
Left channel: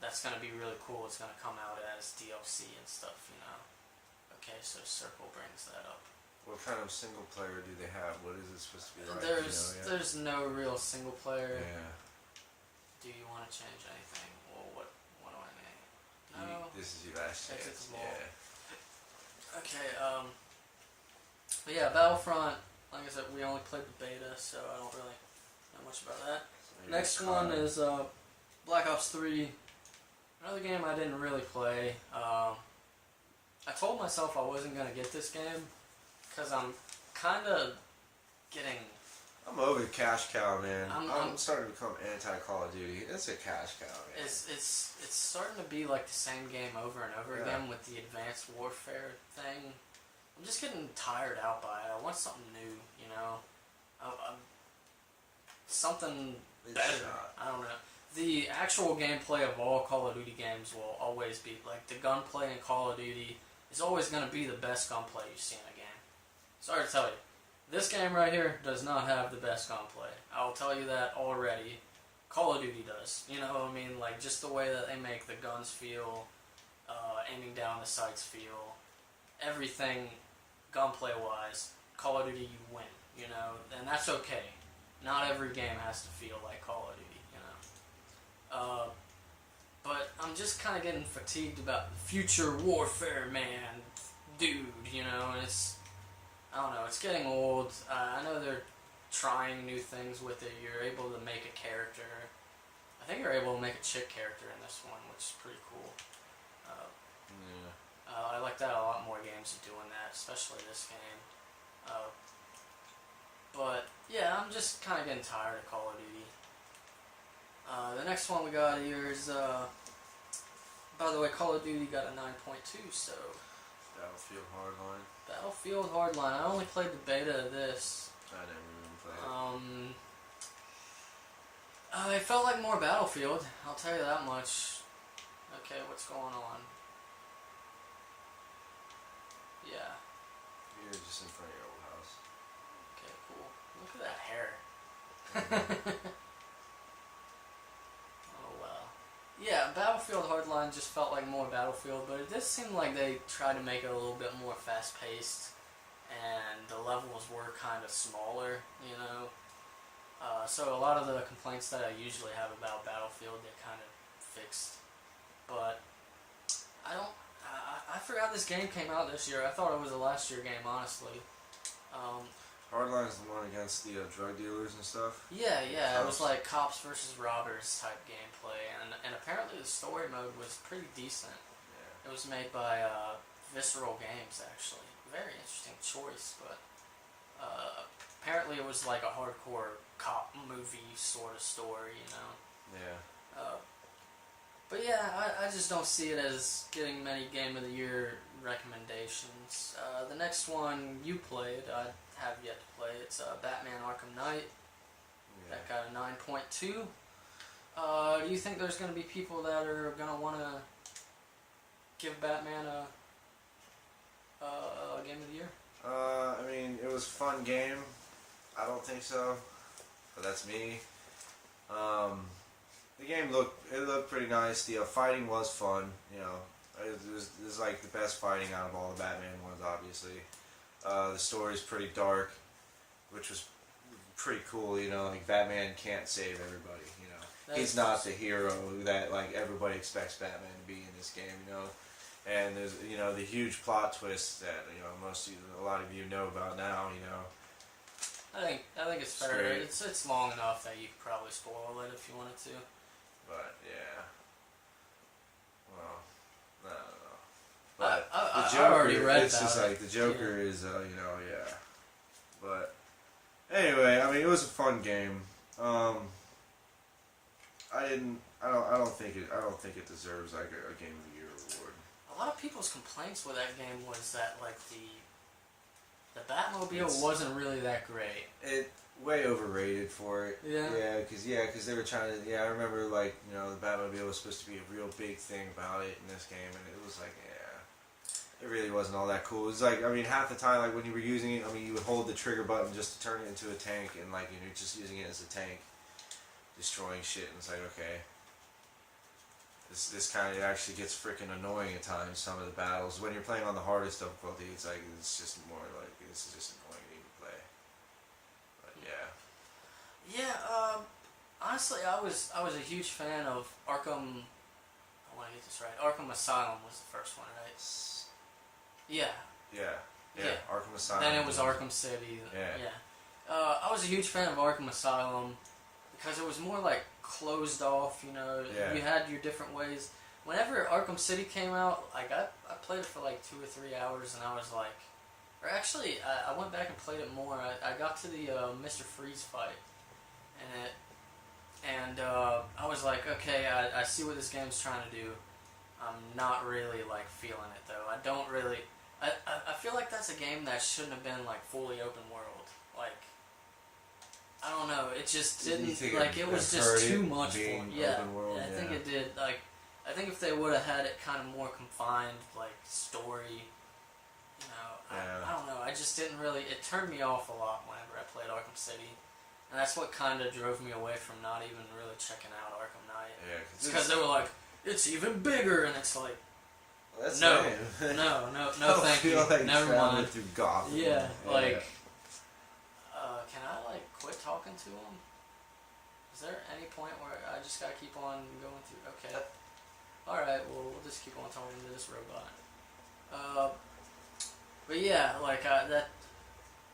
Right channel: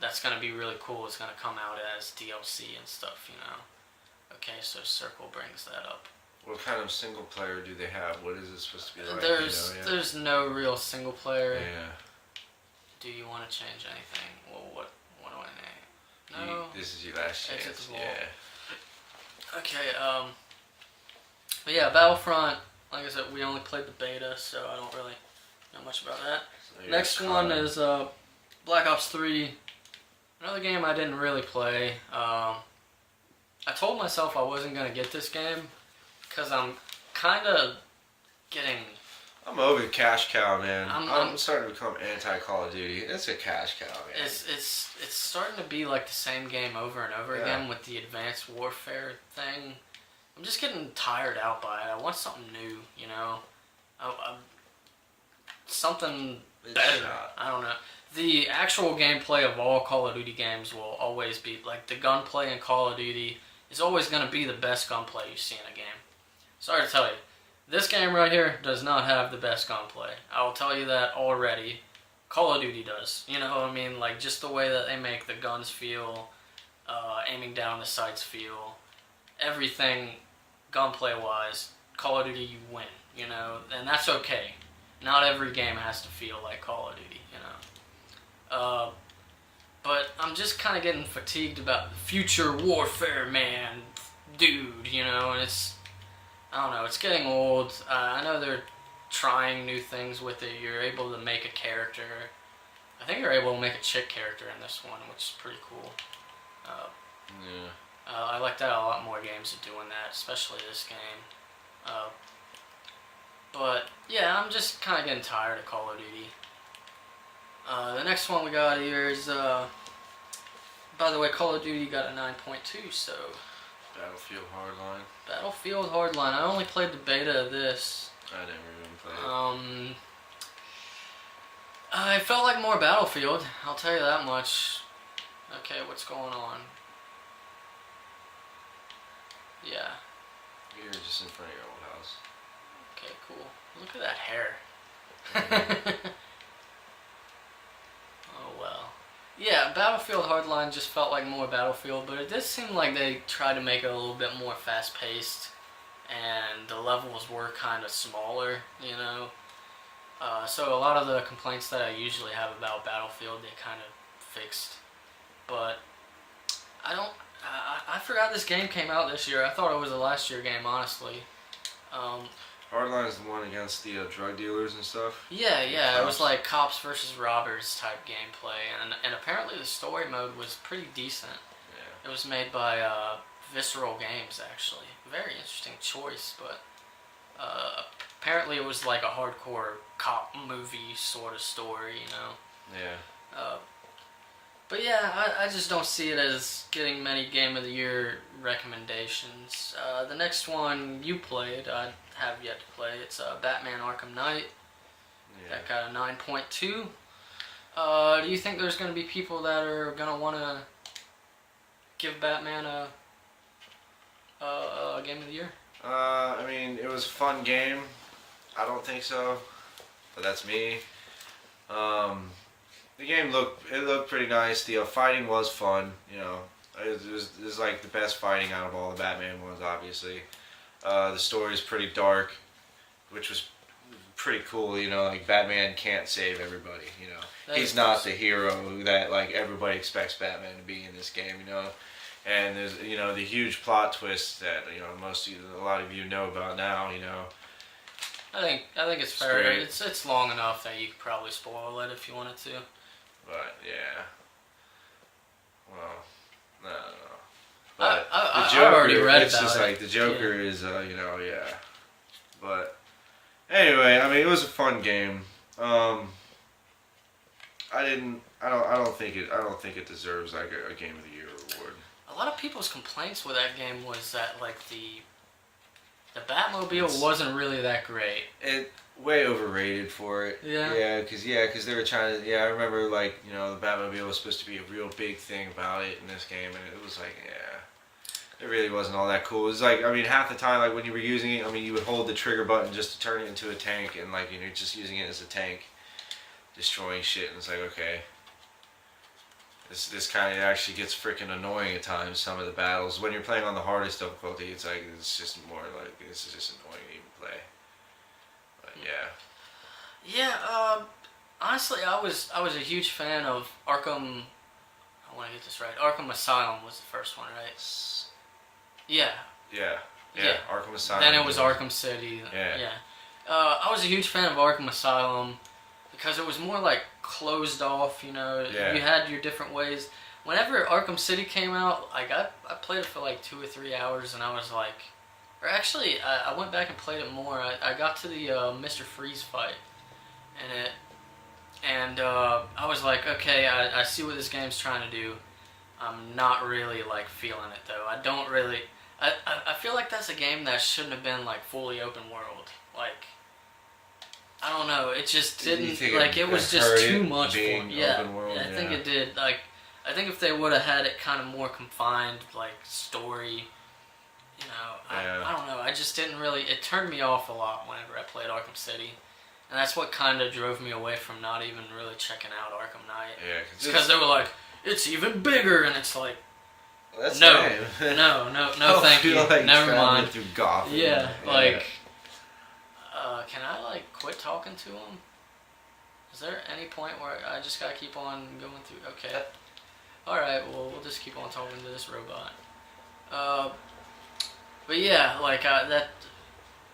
that's gonna be really cool is gonna come out as DLC and stuff. You know. Okay, so Circle brings that up. What kind of single player do they have? What is it supposed to be like? There's no real single player. Yeah. Do you want to change anything? Well, what do I name? No. This is your last chance. Exit the vault. Yeah. Okay. But yeah, Battlefront. Like I said, we only played the beta, so I don't really know much about that. So Next one is Black Ops 3. Another game I didn't really play. I told myself I wasn't gonna get this game because I'm kind of getting. I'm over the cash cow, man. I'm starting to become anti-Call of Duty. It's a cash cow, man. It's starting to be like the same game over and over again with the advanced warfare thing. I'm just getting tired out by it. I want something new, you know. Something better. I don't know. The actual gameplay of all Call of Duty games will always be like the gunplay in Call of Duty is always going to be the best gunplay you see in a game. Sorry to tell you. This game right here does not have the best gunplay. I'll tell you that already. Call of Duty does. You know what I mean? Like, just the way that they make the guns feel, aiming down the sights feel, everything gunplay-wise, Call of Duty, you win, you know? And that's okay. Not every game has to feel like Call of Duty, you know? But I'm just kind of getting fatigued about the future warfare, man, dude, you know? And I don't know, it's getting old. I know they're trying new things with it. You're able to make a character. I think you're able to make a chick character in this one, which is pretty cool. I like that a lot more games are doing that, especially this game. But, yeah, I'm just kind of getting tired of Call of Duty. The next one we got here is, by the way, Call of Duty got a 9.2, so... Battlefield Hardline. Battlefield Hardline. I only played the beta of this. I never even played it. I felt like more Battlefield. I'll tell you that much. Okay, what's going on? Yeah. You're just in front of your old house. Okay, cool. Look at that hair. Oh well. Yeah, Battlefield Hardline just felt like more Battlefield, but it did seem like they tried to make it a little bit more fast-paced, and the levels were kind of smaller, you know? So a lot of the complaints that I usually have about Battlefield, they kind of fixed. But I forgot this game came out this year. I thought it was a last year game, honestly. Hardline is the one against the drug dealers and stuff. Yeah, it was like cops versus robbers type gameplay, and apparently the story mode was pretty decent. Yeah. It was made by Visceral Games, actually. Very interesting choice, but apparently it was like a hardcore cop movie sort of story, you know. Yeah. But yeah, I just don't see it as getting many Game of the Year recommendations. The next one you played, I have yet to play. It's Batman Arkham Knight. Yeah. That got a 9.2. Do you think there's going to be people that are going to want to give Batman a Game of the Year? I mean, it was a fun game. I don't think so, but that's me. The game looked pretty nice. The fighting was fun. You know, it was like the best fighting out of all the Batman ones, obviously. The story is pretty dark, which was pretty cool. You know, like Batman can't save everybody. You know, he's not the hero that like everybody expects Batman to be in this game. You know, and there's the huge plot twist that a lot of you know about now. You know. I think it's fair. Great. It's long enough that you could probably spoil it if you wanted to. But yeah. Well, no. I already read about just it. Like the Joker is, yeah. But anyway, I mean, it was a fun game. I don't think it deserves like a Game of the Year award. A lot of people's complaints with that game was that like the Batmobile wasn't really that great. It way overrated for it. Yeah. Because they were trying to. Yeah, I remember like the Batmobile was supposed to be a real big thing about it in this game, and it was like it really wasn't all that cool. It was like half the time like when you were using it, you would hold the trigger button just to turn it into a tank, and like you're just using it as a tank, destroying shit, and it's like okay. This kind of actually gets freaking annoying at times. Some of the battles when you're playing on the hardest difficulty, it's just more like this is just annoying to even play. But yeah. Yeah. Honestly, I was a huge fan of Arkham. I want to get this right. Arkham Asylum was the first one, right? Yeah. Yeah. Arkham Asylum. Then it was Arkham City. Yeah. I was a huge fan of Arkham Asylum because it was more like closed off, you know. Yeah. You had your different ways. Whenever Arkham City came out, like I played it for like 2 or 3 hours, and I was like, Or actually, I went back and played it more. I got to the Mr. Freeze fight, and I was like, okay, I see what this game's trying to do. I'm not really like feeling it though. I don't really. I feel like that's a game that shouldn't have been like fully open world. Like, I don't know. It just didn't like. It was just too much for me. Yeah, I think it did. Like, I think if they would have had it kind of more confined, like story. You know, I don't know. I just didn't really. It turned me off a lot whenever I played Arkham City, and that's what kind of drove me away from not even really checking out Arkham Knight. Yeah, because they were like, it's even bigger, and it's like, well, no, thank you. Like Never mind. Through Gotham. Yeah, like, can I like quit talking to him? Is there any point where I just gotta keep on going through? Okay. All right. Well, we'll just keep on talking to this robot. But yeah, like that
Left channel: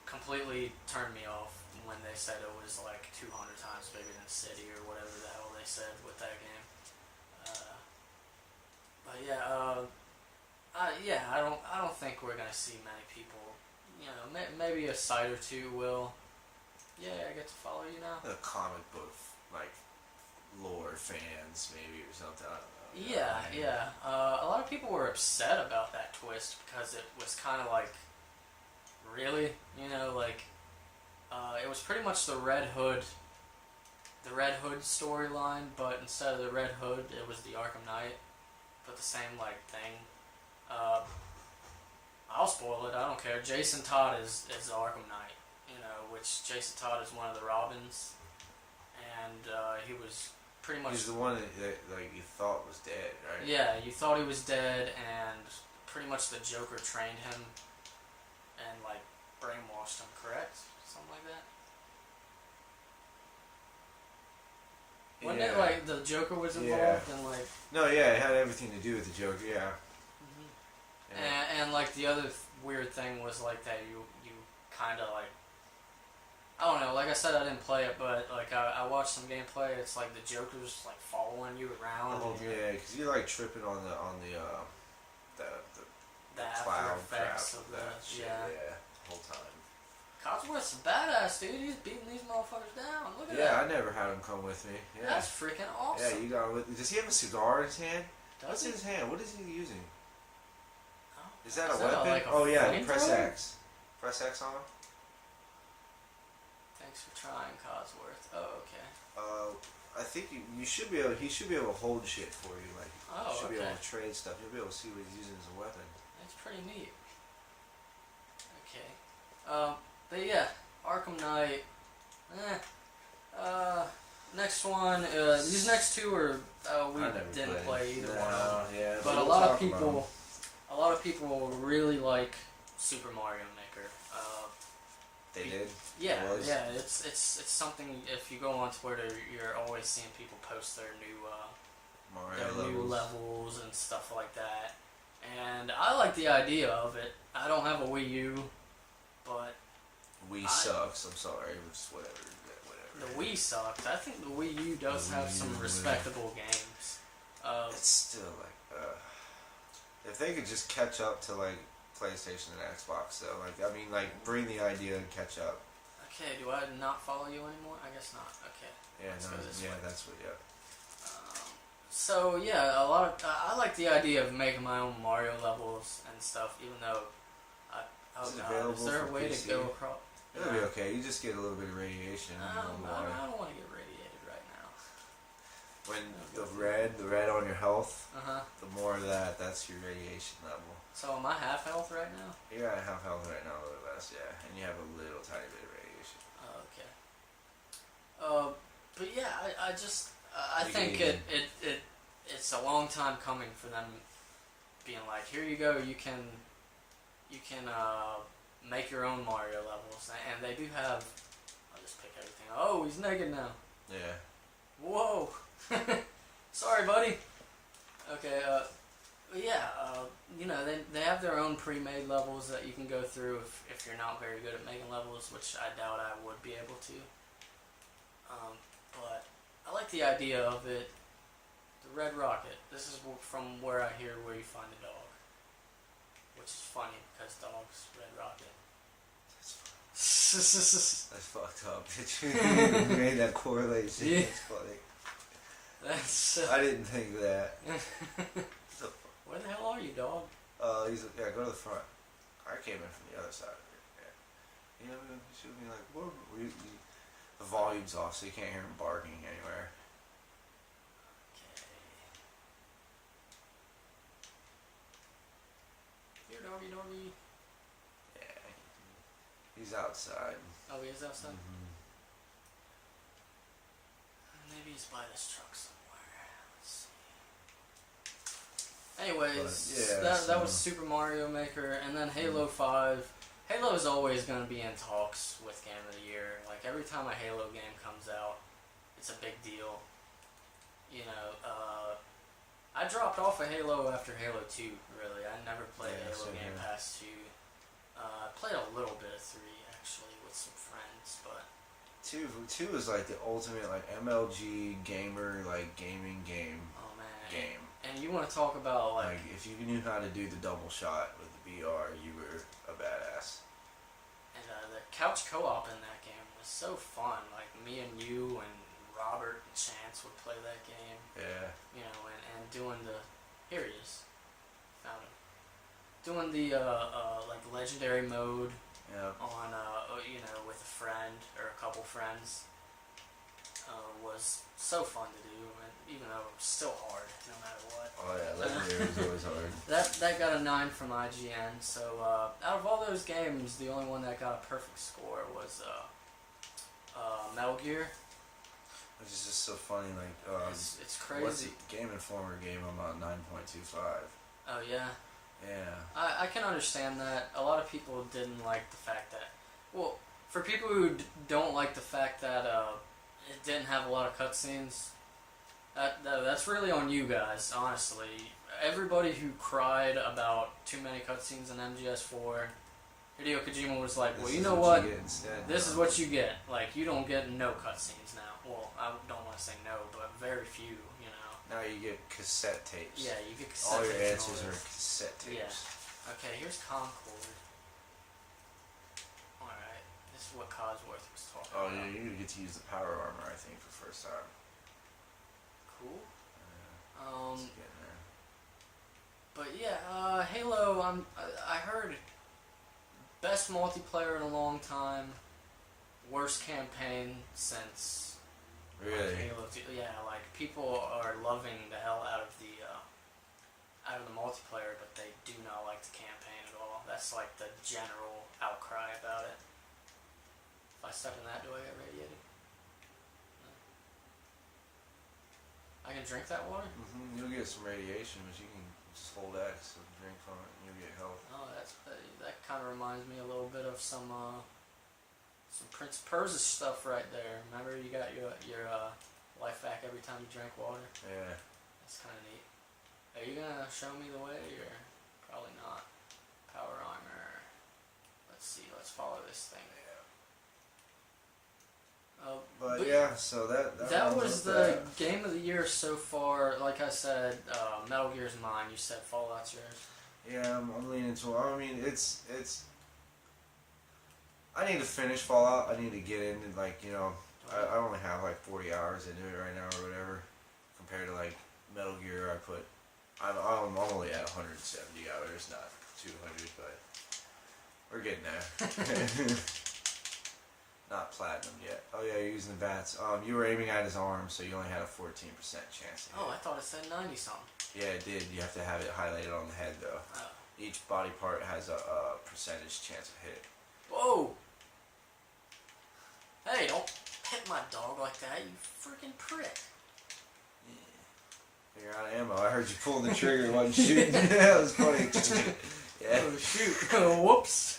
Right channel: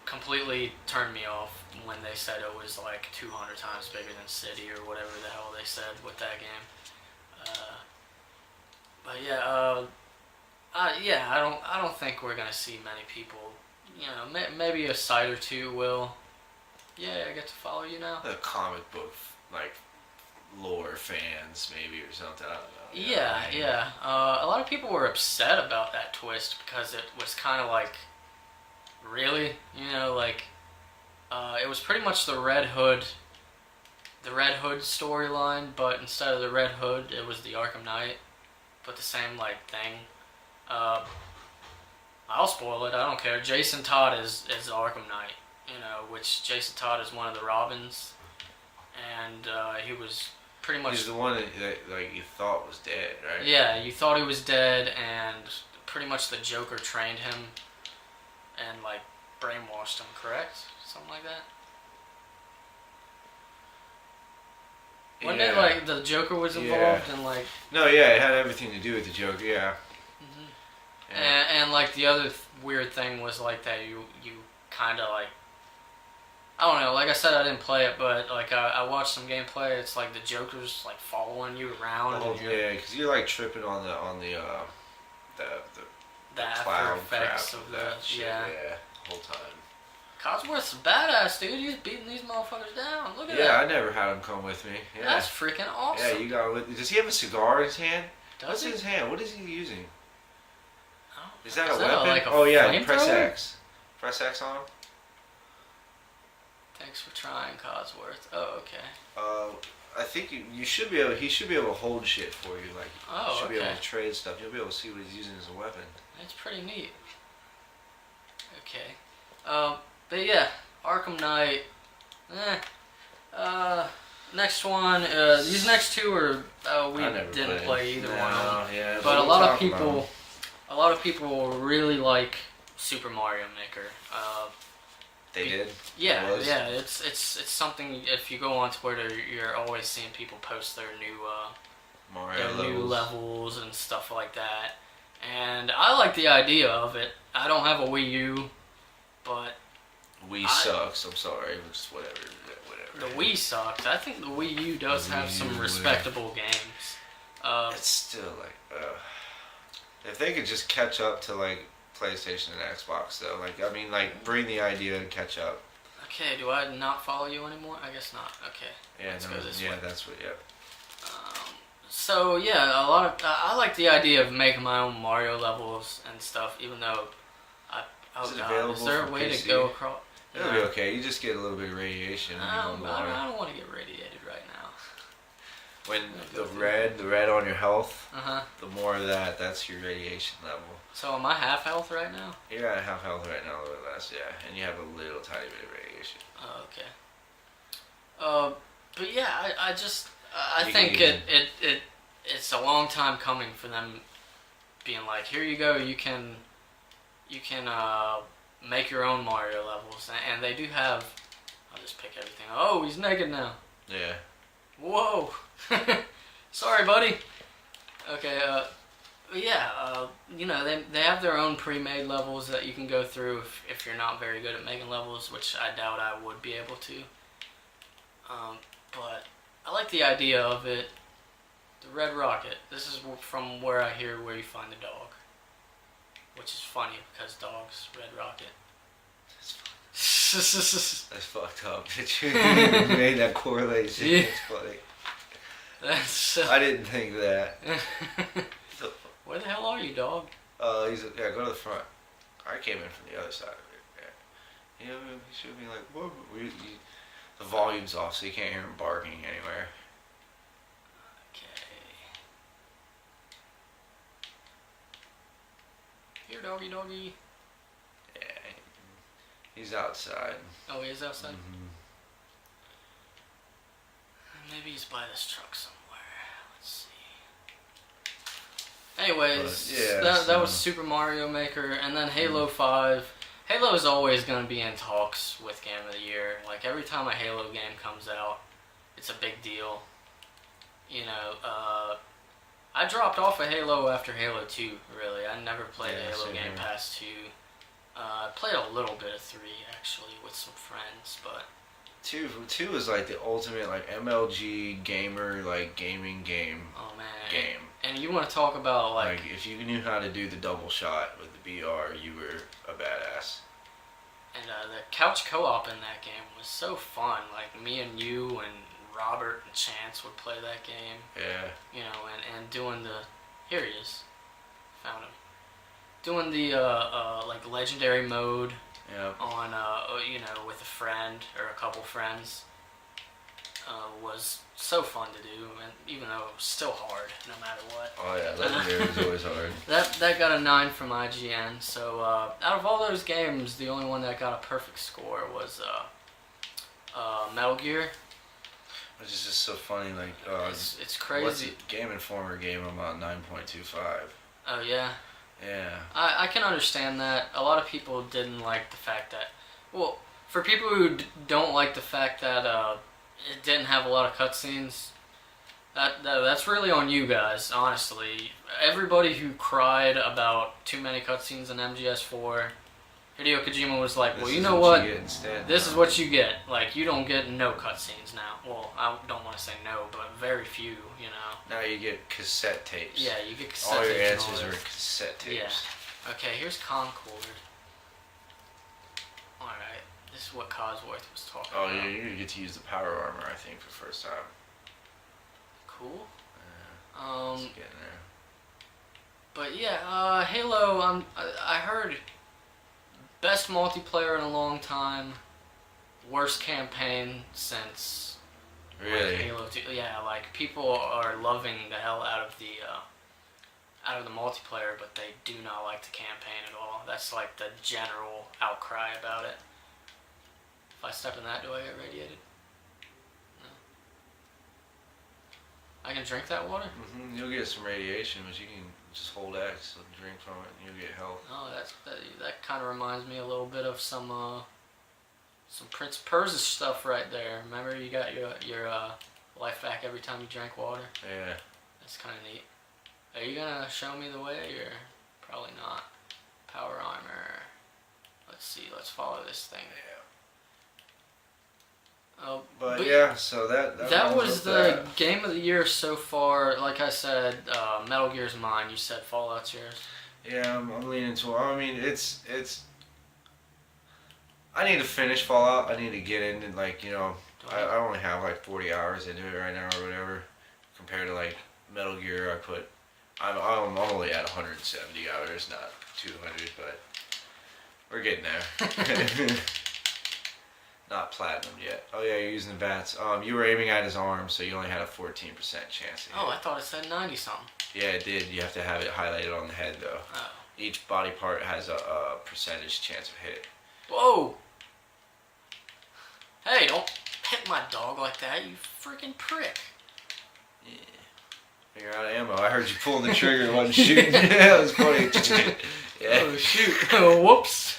completely turned me off when they said it was like 200 times bigger than City or whatever the hell they said with that game. But yeah, I don't think we're gonna see many people. You know, maybe a site or two will. Yeah, I get to follow you now. The comic book like lore fans maybe or something. I don't know. Yeah. A lot of people were upset about that twist because it was kind of like, really, you know, like, it was pretty much the Red Hood storyline, but instead of the Red Hood, it was the Arkham Knight, but the same like thing. I'll spoil it. I don't care. Jason Todd is Arkham Knight, you know, which Jason Todd is one of the Robins, and he was. Pretty much. He's the one that like you thought was dead, right? Yeah, you thought he was dead, and pretty much the Joker trained him and like brainwashed him. Correct? Something like that. When did like the Joker was involved and like? No, yeah, it had everything to do with the Joker. Yeah. Mm-hmm. And like the other weird thing was like that you kind of like. I don't know, like I said, I didn't play it, but like I watched some gameplay. It's like the Joker's like following you around. Oh, yeah, because you're like tripping on the after effects of the shit, yeah, the whole time. Codsworth's a badass, dude. He's beating these motherfuckers down. Look at that. Yeah, I never had him come with me. Yeah. That's freaking awesome. Yeah, you got with me. Does he have a cigar in his hand? What's in his hand? What is he using? Oh, is that a weapon? Like a press X. Press X on him. Thanks for trying, Codsworth. Oh, okay. I think you should be able. He should be able to hold shit for you. Like, you should be able to trade stuff. You'll be able to see what he's using as a weapon. It's pretty neat. Okay. But yeah, Arkham Knight. Next one. These next two are we didn't play either one of them. Yeah, but a lot of people really like Super Mario Maker. They did. Yeah. It's something. If you go on Twitter, you're always seeing people post their new levels and stuff like that. And I like the idea of it. I don't have a Wii U, but Wii sucks. I'm sorry. Just whatever. The Wii sucks. I think the Wii U does have some respectable games. It's still like, if they could just catch up to like PlayStation and Xbox, though, like I mean, like bring the idea to catch up. Okay, do I not follow you anymore? I guess not. Okay. Yeah, let's go this way. That's what. Yeah. So yeah, I like the idea of making my own Mario levels and stuff. Even though, is there a way to go across? It'll be okay. You just get a little bit of radiation. I don't want to get radiated right now. When the red on your health, Uh-huh. the more of that's your radiation level. So am I half health right now? You're at half health right now, a little less, yeah, and you have a little tiny bit of radiation. Oh, okay. But yeah, I think it's a long time coming for them being like, here you go, you can make your own Mario levels, and they do have. I'll just pick everything. Oh, he's naked now. Yeah. Whoa. Sorry, buddy. Okay. But yeah. You know, they have their own pre-made levels that you can go through if you're not very good at making levels, which I doubt I would be able to. But I like the idea of it. The Red Rocket. This is from where I hear where you find the dog. which is funny because dogs, Red Rocket. That's fucked up. You made that correlation. Yeah. It's funny. That's. I didn't think of that. Where the hell are you, dog? Yeah, go to the front. I came in from the other side of it. Yeah, you should be like, whoa. The volume's off, so you can't hear him barking anywhere. Okay. Here, doggy, doggy. Yeah, he's outside. Oh, he is outside? Mm-hmm. Maybe he's by this truck somewhere. Let's see. Anyways, that was Super Mario Maker, and then Halo 5. Halo is always going to be in talks with Game of the Year. Like, every time a Halo game comes out, it's a big deal. You know, I dropped off of Halo after Halo 2, really. I never played Halo game past 2. I played a little bit of 3, actually, with some friends, but... 2 is like the ultimate like MLG gamer like gaming game. Oh man. Game. And you want to talk about like if you knew how to do the double shot with the BR, you were a badass. And the couch co-op in that game was so fun. Like me and you and Robert and Chance would play that game. Yeah. You know, and doing the here he is. Found him. Doing the like legendary mode. Yeah. On you know, with a friend or a couple friends was so fun to do, and even though it was still hard no matter what. Oh yeah, legendary is always hard. That got a 9 from IGN. So out of all those games, the only one that got a perfect score was Metal Gear. Which is just so funny, like it's crazy. What's the Game Informer gave him about 9.25. Oh yeah. Yeah. I can understand that. A lot of people didn't like the fact that, well, for people who don't like the fact that it didn't have a lot of cutscenes, that's really on you guys, honestly. Everybody who cried about too many cutscenes in MGS4, Hideo Kojima was like, well, you know what? This is what you get. Like, you don't get no cutscenes now. Well, I don't want to say no, but very few, you know. Now you get cassette tapes. Yeah, you get cassette all tapes. Your answers are cassette tapes. Yeah. Okay, here's Concord. Alright, this is what Cosworth was talking about. Oh, yeah, you're going to get to use the power armor, I think, for the first time. Cool. It's getting there. But yeah, Halo, I heard best multiplayer in a long time, worst campaign since... Really? Halo 2, yeah, like people are loving the hell out of the multiplayer, but they do not like the campaign at all. That's like the general outcry about it. If I step in that, do I get radiated? No. I can drink that water? Mm-hmm. You'll get some radiation, but you can just hold X and drink from it, and you'll get health. Oh, that kind of reminds me a little bit of some Prince Persia stuff right there. Remember, you got your life back every time you drank water? Yeah. That's kind of neat. Are you gonna show me the way, or probably not? Power armor. Let's see. Let's follow this thing. Yeah. But yeah, so that was the game of the year so far. Like I said, Metal Gear's mine. You said Fallout's yours. Yeah, I'm leaning toward. I mean, it's. I need to finish Fallout. I need to get in and I only have like 40 hours into it right now or whatever. Compared to like Metal Gear, I'm only at 170 hours, not 200, but we're getting there. Not platinum yet. Oh yeah, you're using the bats. You were aiming at his arm, so you only had a 14% chance. Oh, I thought it said 90 something. Yeah, it did. You have to have it highlighted on the head though. Oh. Each body part has a percentage chance of hit. Whoa! Hey, don't hit my dog like that, you freaking prick. Yeah. You're out of ammo. I heard you pulling the trigger and wasn't shooting. That was funny. Yeah. Oh, shoot. Oh, whoops.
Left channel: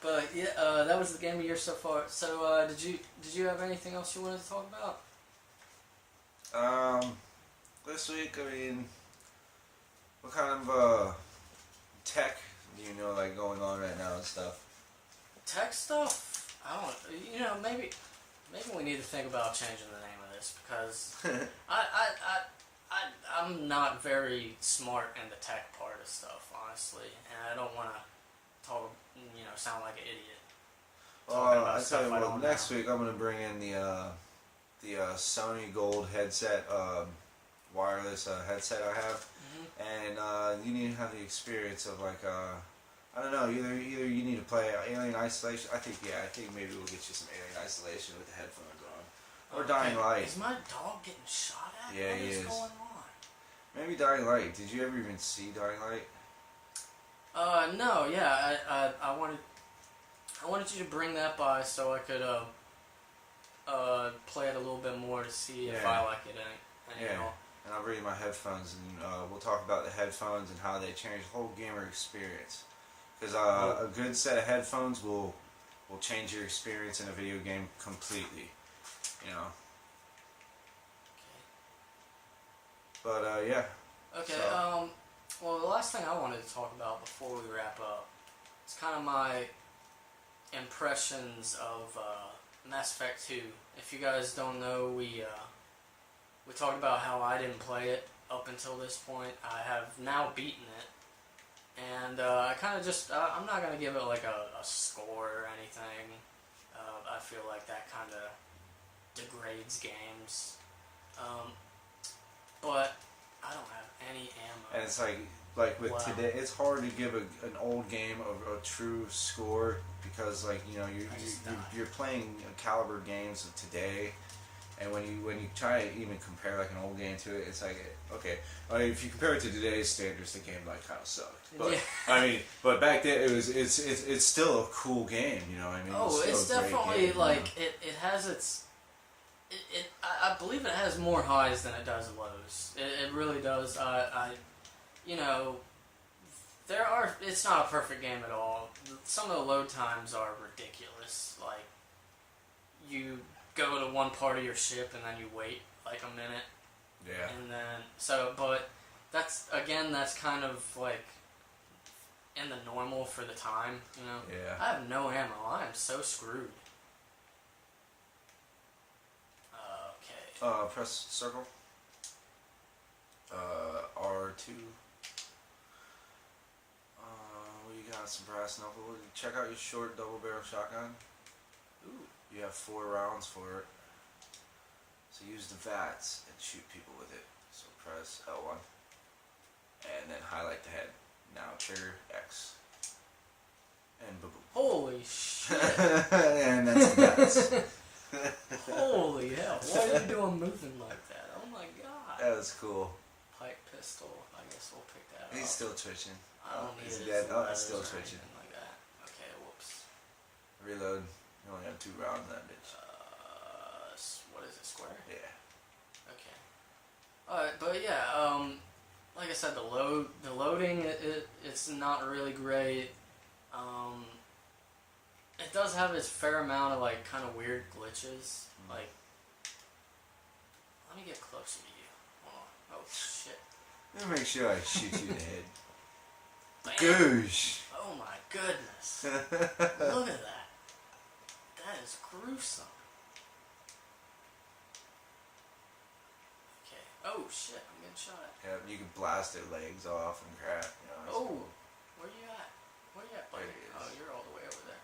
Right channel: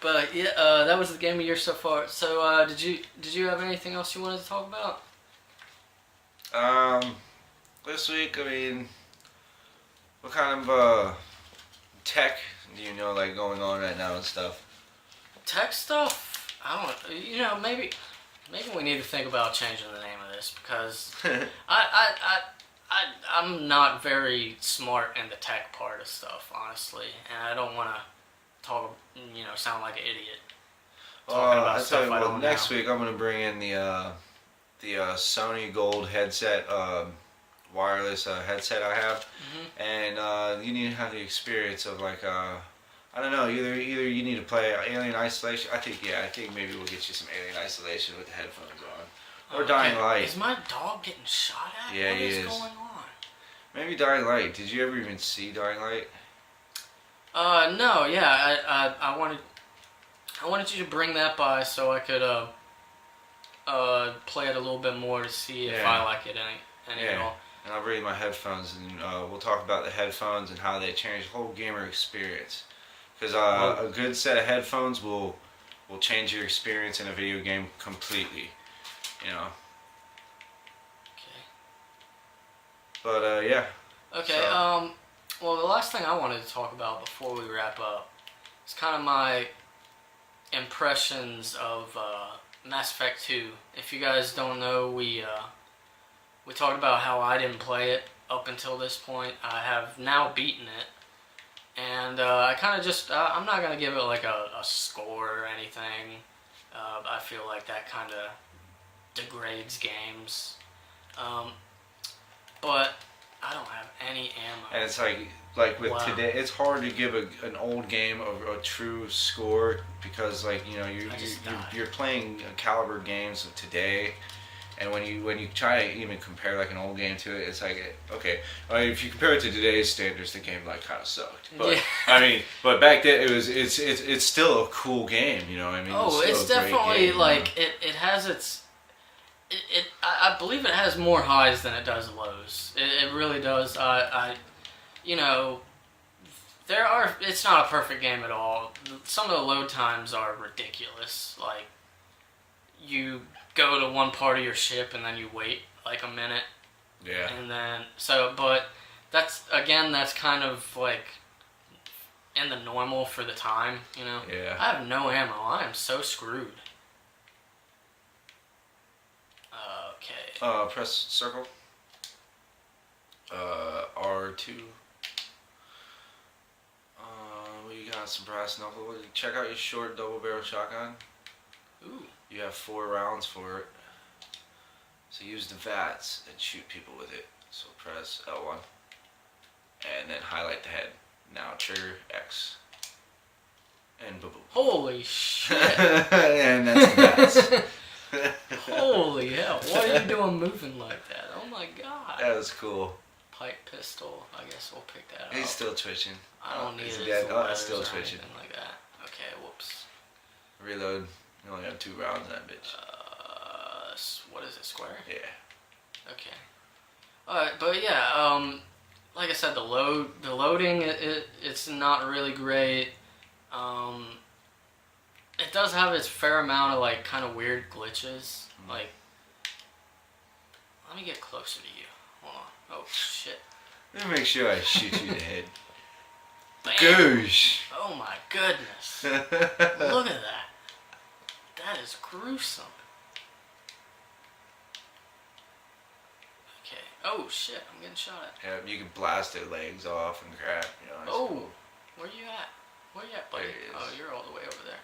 But yeah, that was the game of the year so far. So, did you have anything else you wanted to talk about? This week, I mean, what kind of tech do you know like going on right now and stuff? Tech stuff? I don't know. You know, maybe we need to think about changing the name of this because I'm not very smart in the tech part of stuff, honestly, and I don't want to talk, sound like an idiot talking about stuff I don't know. Next week I'm gonna bring in the Sony Gold headset, wireless headset I have, and you need to have the experience of like I don't know, either you need to play Alien Isolation. I think maybe we'll get you some Alien Isolation with the headphones on, or Dying Light. Is my dog getting shot at? Yeah, what he is is. going on? Maybe Dying Light. Did you ever even see Dying Light? No, yeah, I wanted you to bring that by so I could play it a little bit more to see if I like it any at all. And I'll bring you my headphones, and we'll talk about the headphones and how they change the whole gamer experience. Because a good set of headphones will change your experience in a video game completely. You know. Okay. But yeah. Okay. So. Well, the last thing I wanted to talk about before we wrap up is kind of my impressions of Mass Effect 2. If you guys don't know, we talked about how I didn't play it up until this point. I have now beaten it, and I kind of just I'm not gonna give it like a score or anything. I feel like that kind of degrades games, but I don't have any ammo. And it's like with today, it's hard to give an old game a true score because you're playing caliber games of today, and when you try to even compare like an old game to it, it's like okay. I mean, if you compare it to today's standards, the game like kind of sucked. But yeah. I mean, but back then it's still a cool game. You know, I mean. Oh, it's definitely like it has its. I believe it has more highs than it does lows. It really does. It's not a perfect game at all. Some of the load times are ridiculous. Like, you go to one part of your ship and then you wait like a minute. Yeah. And then, but that's kind of like in the normal for the time, you know? Yeah. I have no ammo. I am so screwed. Press circle. R2. We got some brass knuckle. Check out your short double barrel shotgun. Ooh. You have 4 rounds for it. So use the VATS and shoot people with it. So press L1. And then highlight the head. Now trigger X. And boom. Holy shit. And that's the VATS. Holy hell, what are you doing moving like that? Oh my god. That was cool. Pipe pistol, I guess we'll pick that up. He's still twitching. I don't need it. It's still twitching. Like that. Okay, whoops. Reload. You only have 2 rounds in that bitch. What is it, square? Yeah. Okay. Alright, but yeah, like I said, the loading, it's not really great. It does have its fair amount of like kind of weird glitches. Like, let me get closer to you. Hold on. Oh shit. Let me make sure I shoot you in the head. Bam. Goosh. Oh my goodness. Look at that. That is gruesome. Okay. Oh shit, I'm getting shot at. Yeah, you can blast their legs off and crap. You know, Oh, cool. where you at? Where you at, buddy? There he is. Oh, you're all the way over there.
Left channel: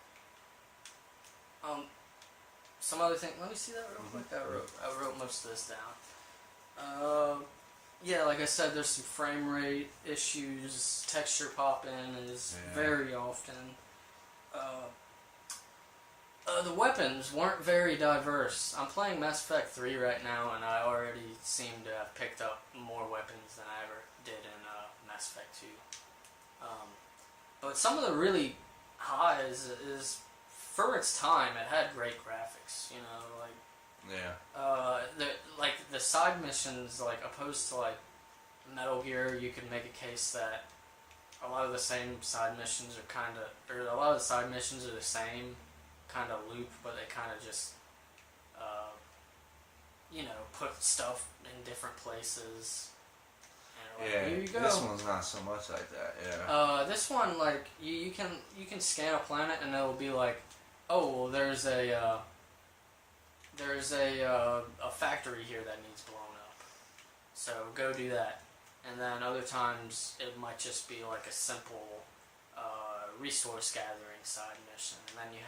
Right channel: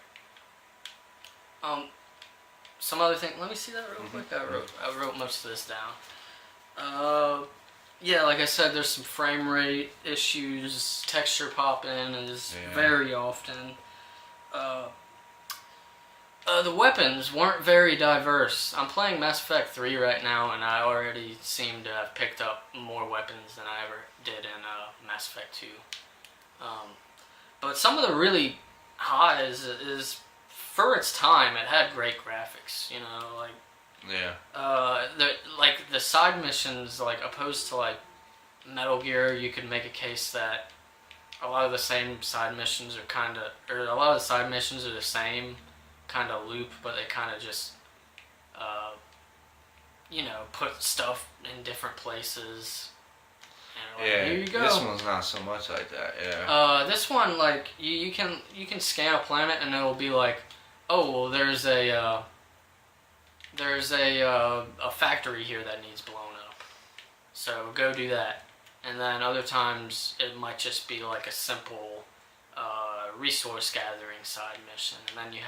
Some other thing. Let me see that real quick. I wrote most of this down. Yeah, like I said, there's some frame rate issues. Texture popping is very often. The weapons weren't very diverse. I'm playing Mass Effect 3 right now, and I already seem to have picked up more weapons than I ever did in Mass Effect 2. But some of the really highs is for its time, it had great graphics. You know, like the side missions, like opposed to like Metal Gear, you could make a case that a lot of the same side missions are a lot of the side missions are the same kind of loop, but they kind of just put stuff in different places. And here you go. This one's not so much like that. Yeah. This one, like you can scan a planet and it'll be like, oh well, there's a factory here that needs blown up. So go do that. And then other times it might just be like a simple resource gathering side mission. And then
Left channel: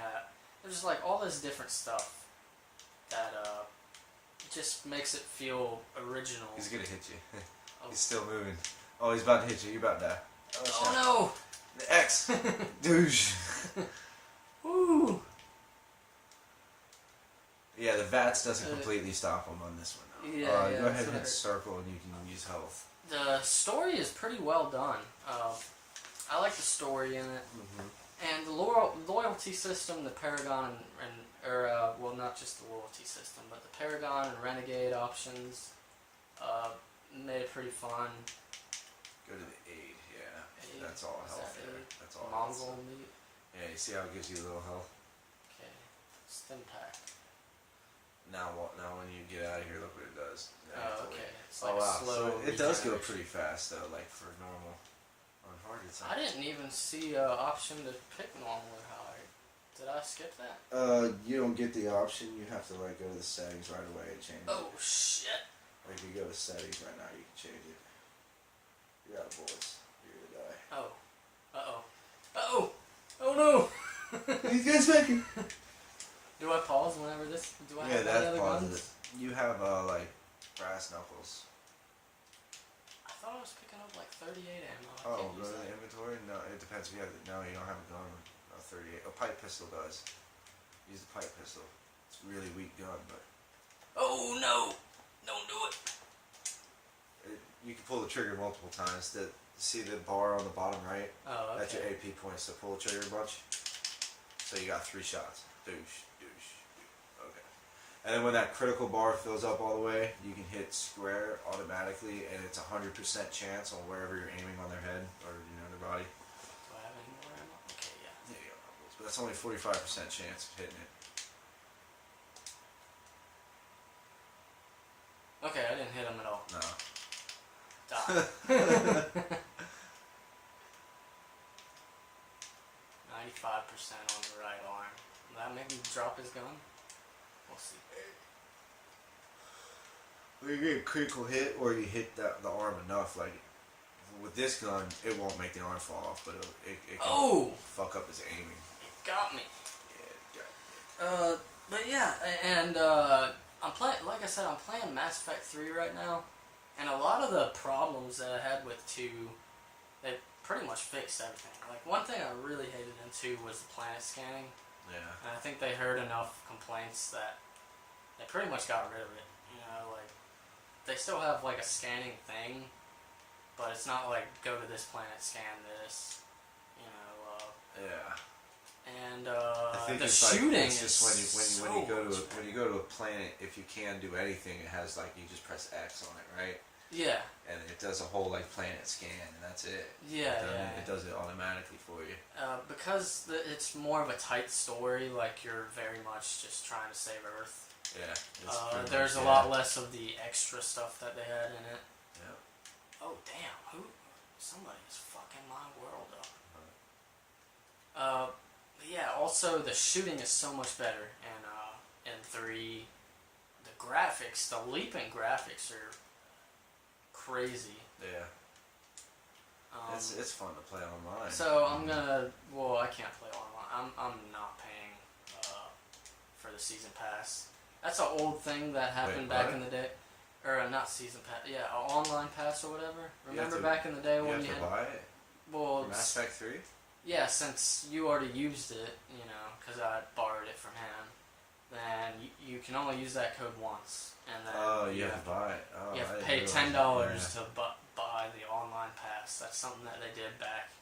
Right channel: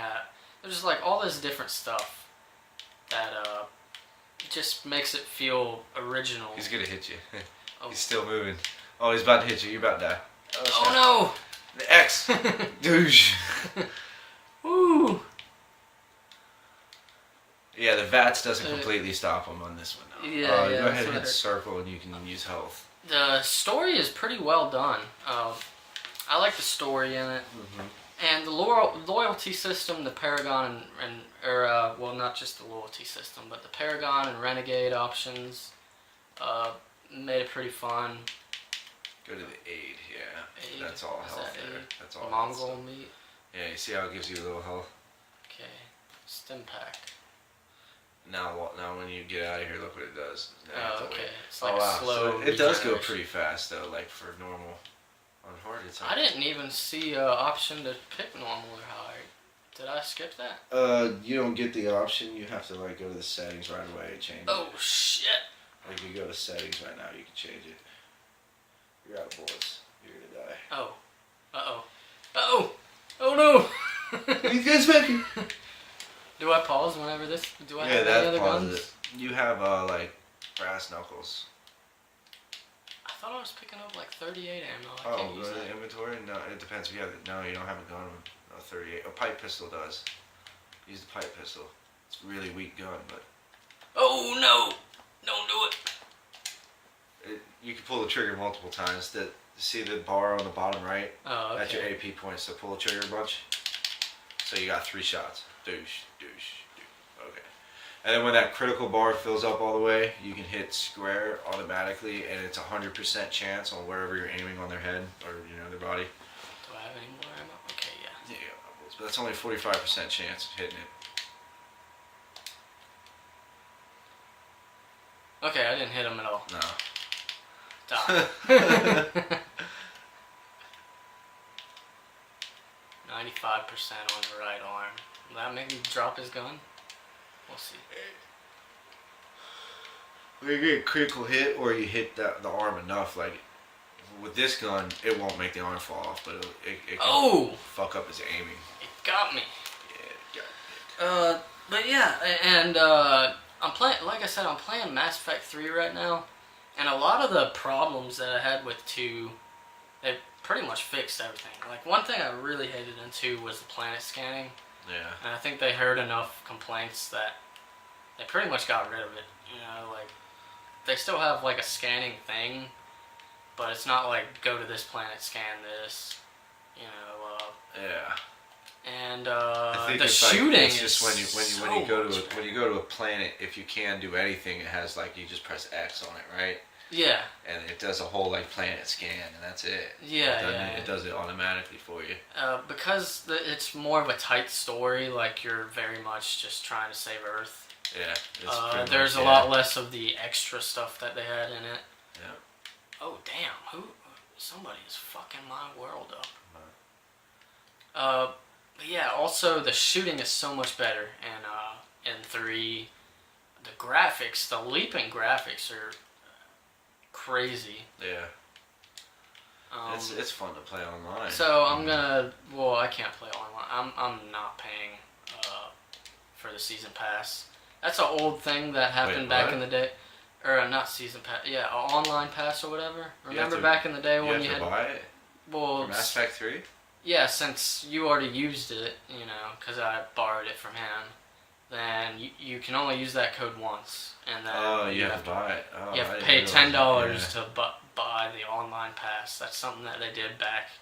there's like all this different stuff that just makes it feel original. He's gonna hit you. Oh. He's still moving. Oh, he's about to hit you. You're about to die. Oh The X. Douche. no! Woo! Yeah, the VATS doesn't completely stop him on this one. Though. Yeah, yeah. Go ahead and hit circle and you can use health. The story is pretty well done. I like the story in it. And the loyalty system, the Paragon well, not just the loyalty system, but the Paragon and Renegade options made it pretty fun. Go to the aid, yeah. Aid? That's all Is health that there. aid? That's all. Mongol meat. Yeah, you see how it gives you a little health. Okay. Stim pack. Now when you get out of here, look what it does. Oh, okay. It's like a wow. slow. So it does go regeneration. pretty fast though, like for normal. On hard, it's I didn't even see an option to pick normal or high. Did I skip that? You don't get the option. You have to like go to the settings right away and change Oh it. shit! Like you go to settings right now, you can change it. You're out of bullets. You're gonna die. Oh. Uh oh. Oh no! These guys back here. Do I pause whenever this? Do I Yeah, have any that other pauses guns? it. You have like brass knuckles. I thought I was picking up like 38 ammo. I Oh, can't use really? that. Inventory? No, it depends if you have it. No, you don't have a gun. No, 38. A pipe pistol does. Use the pipe pistol. It's a really weak gun, but Oh no! Don't do it. you can pull the trigger multiple times. See the bar on the bottom right? Oh, That's your okay. AP points. So pull the trigger a bunch. So you got 3 shots. Douche, douche, douche. Okay. And then when that critical bar fills up all the way, you can hit square automatically, and it's 100% chance on wherever you're aiming on their head or their body. Do I have any more ammo? Okay, yeah. Yeah, you got bubbles, but that's only 45% chance of hitting it. Okay, I didn't hit him at all. No. Die. 95% on the right arm. Will that make me drop his gun? We'll see. When you get a critical hit or you hit the arm enough, like with this gun, it won't make the arm fall off, but it can Oh! fuck up his aiming. It got me. Yeah, But yeah, and I'm playing. Like I said, I'm playing Mass Effect 3 right now, and a lot of the problems that I had with 2, they pretty much fixed everything. Like one thing I really hated in 2 was the planet scanning, yeah. and I think they heard enough complaints that they pretty much got rid of it. Like they still have like a scanning thing, but it's not like go to this planet, scan this. Yeah. And I think the it's shooting it's just when you so when you go to much when you go to a planet, if you can do anything, it has like you just press X on it, right? yeah, And it does a whole like planet scan, and that's it. yeah, It does it automatically for you. because it's more of a tight story. Like you're very much just trying to save Earth. Yeah. It's pretty There's much, a lot less of the extra stuff that they had in it. Yeah. Oh damn! Somebody's fucking my world up. But yeah. Also, the shooting is so much better, and in 3, the graphics, the leaping graphics are crazy. Yeah. It's fun to play online. So I'm gonna. Well, I can't play online. I'm not paying for the season pass. That's an old thing that happened back in the day. Or not season pass. Yeah, online pass or whatever. Remember back in the day when you had. Buy it. Well, Mass Effect 3. yeah, since you already used it, because I borrowed it from him, then you can only use that code once, and then you have to buy it. Oh, you have I to didn't pay realize $10 to buy the online pass. That's something that they did back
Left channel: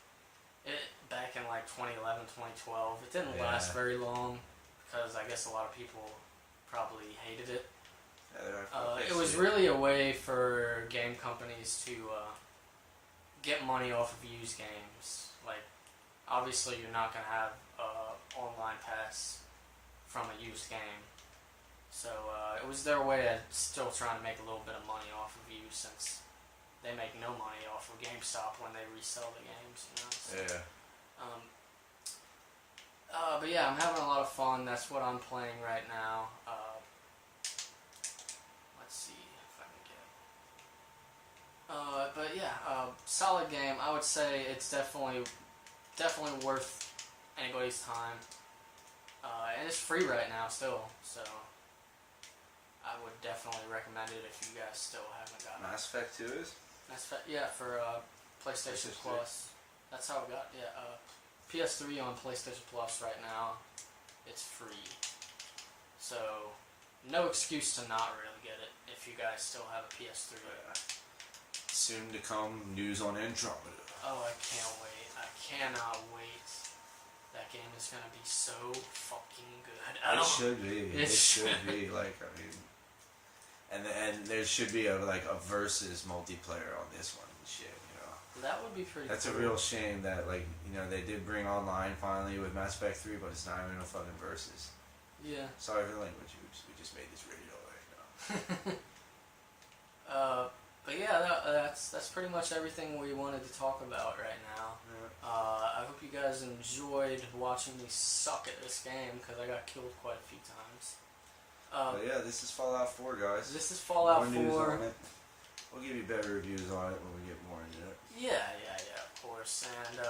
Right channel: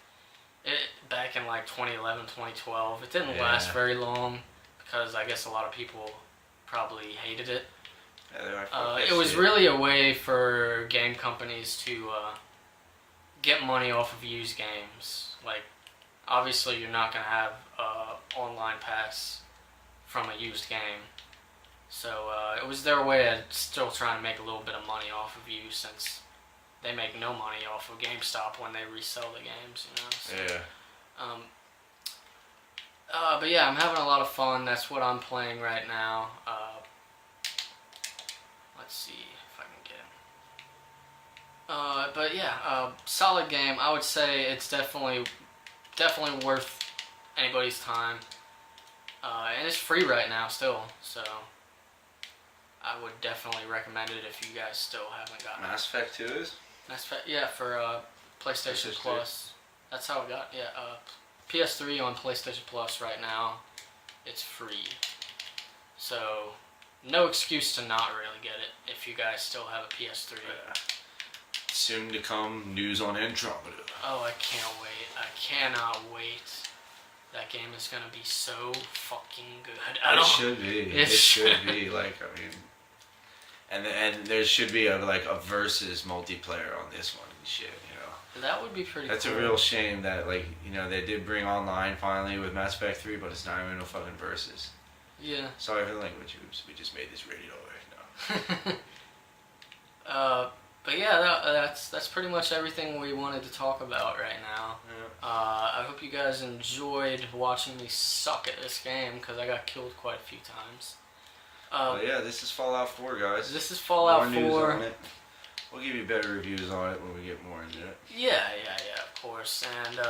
in like 2011, 2012. It didn't last Yeah. very long because I guess a lot of people probably hated it. Yeah, It was really a way for game companies to get money off of used games. Like, obviously, you're not gonna have online pass from a used game, so it was their way of still trying to make a little bit of money off of you, since they make no money off of GameStop when they resell the games. So, Yeah. But yeah, I'm having a lot of fun. That's what I'm playing right now. Let's see if I can get him. But yeah, solid game. I would say it's definitely worth anybody's time. And it's free right now still, so I would definitely recommend it if you guys still haven't gotten it. Mass Effect 2 is? Yeah, for PlayStation Plus. That's how it got. Yeah, PS3 on PlayStation Plus right now. It's free. So, no excuse to not really get it if you guys still have a PS3. Soon to come news on Andromeda. Oh, I can't wait. I cannot wait. That game is gonna be so fucking good. It should be. It should be. Like, I mean, and there should be a versus multiplayer on this one. Shit, you know. That would be pretty. That's cool. a real shame that they did bring online finally with Mass Effect 3, but it's not even no fucking versus. Yeah. Sorry for the language use. We just made this radio right now. But yeah, that's pretty much everything we wanted to talk about right now. Yeah. I hope you guys enjoyed watching me suck at this game because I got killed quite a few times. Yeah, this is Fallout 4, guys. This is Fallout More 4. news on it. We'll give you better reviews on it when we get more into it. Yeah, of course. And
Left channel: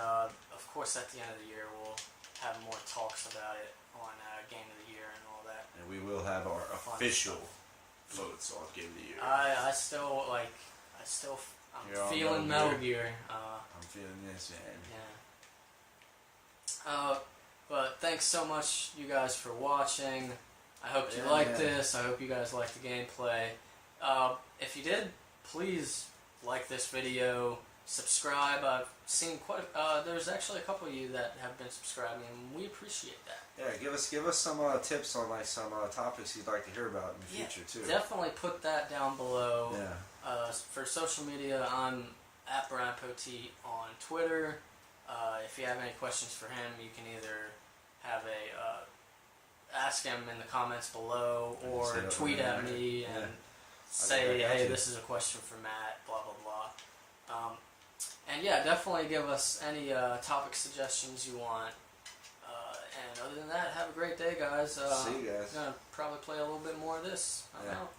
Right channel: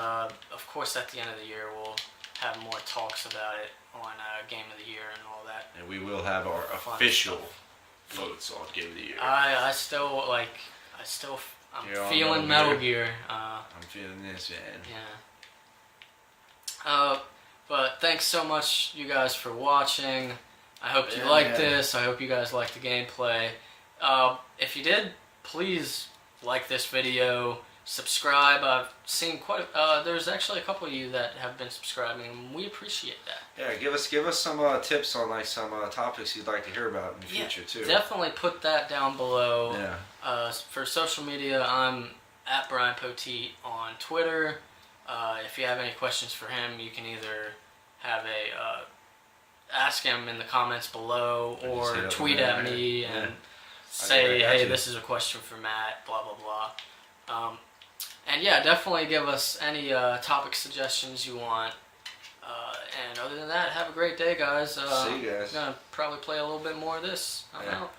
of course, at the end of the year, we'll have more talks about it on Game of the Year and all that. And we will have our Fun official stuff. votes on Game of the Year. I'm You're on feeling Metal Metal Gear. I'm feeling this, man. Yeah. But thanks so much, you guys, for watching. I hope you liked this. I hope you guys liked the gameplay. If you did, please like this video. Subscribe. I've seen there's actually a couple of you that have been subscribing, and we appreciate that. Yeah, give us some tips on some topics you'd like to hear about in the future too. Definitely put that down below. Yeah. For social media, I'm at Brian Poteet on Twitter. If you have any questions for him, you can either have ask him in the comments below or tweet at me and say, hey, this is a question for Matt, blah, blah, blah. And yeah, definitely give us any topic suggestions you want. And other than that, have a great day, guys. See you guys. I'm going to probably play a little bit more of this. I don't know.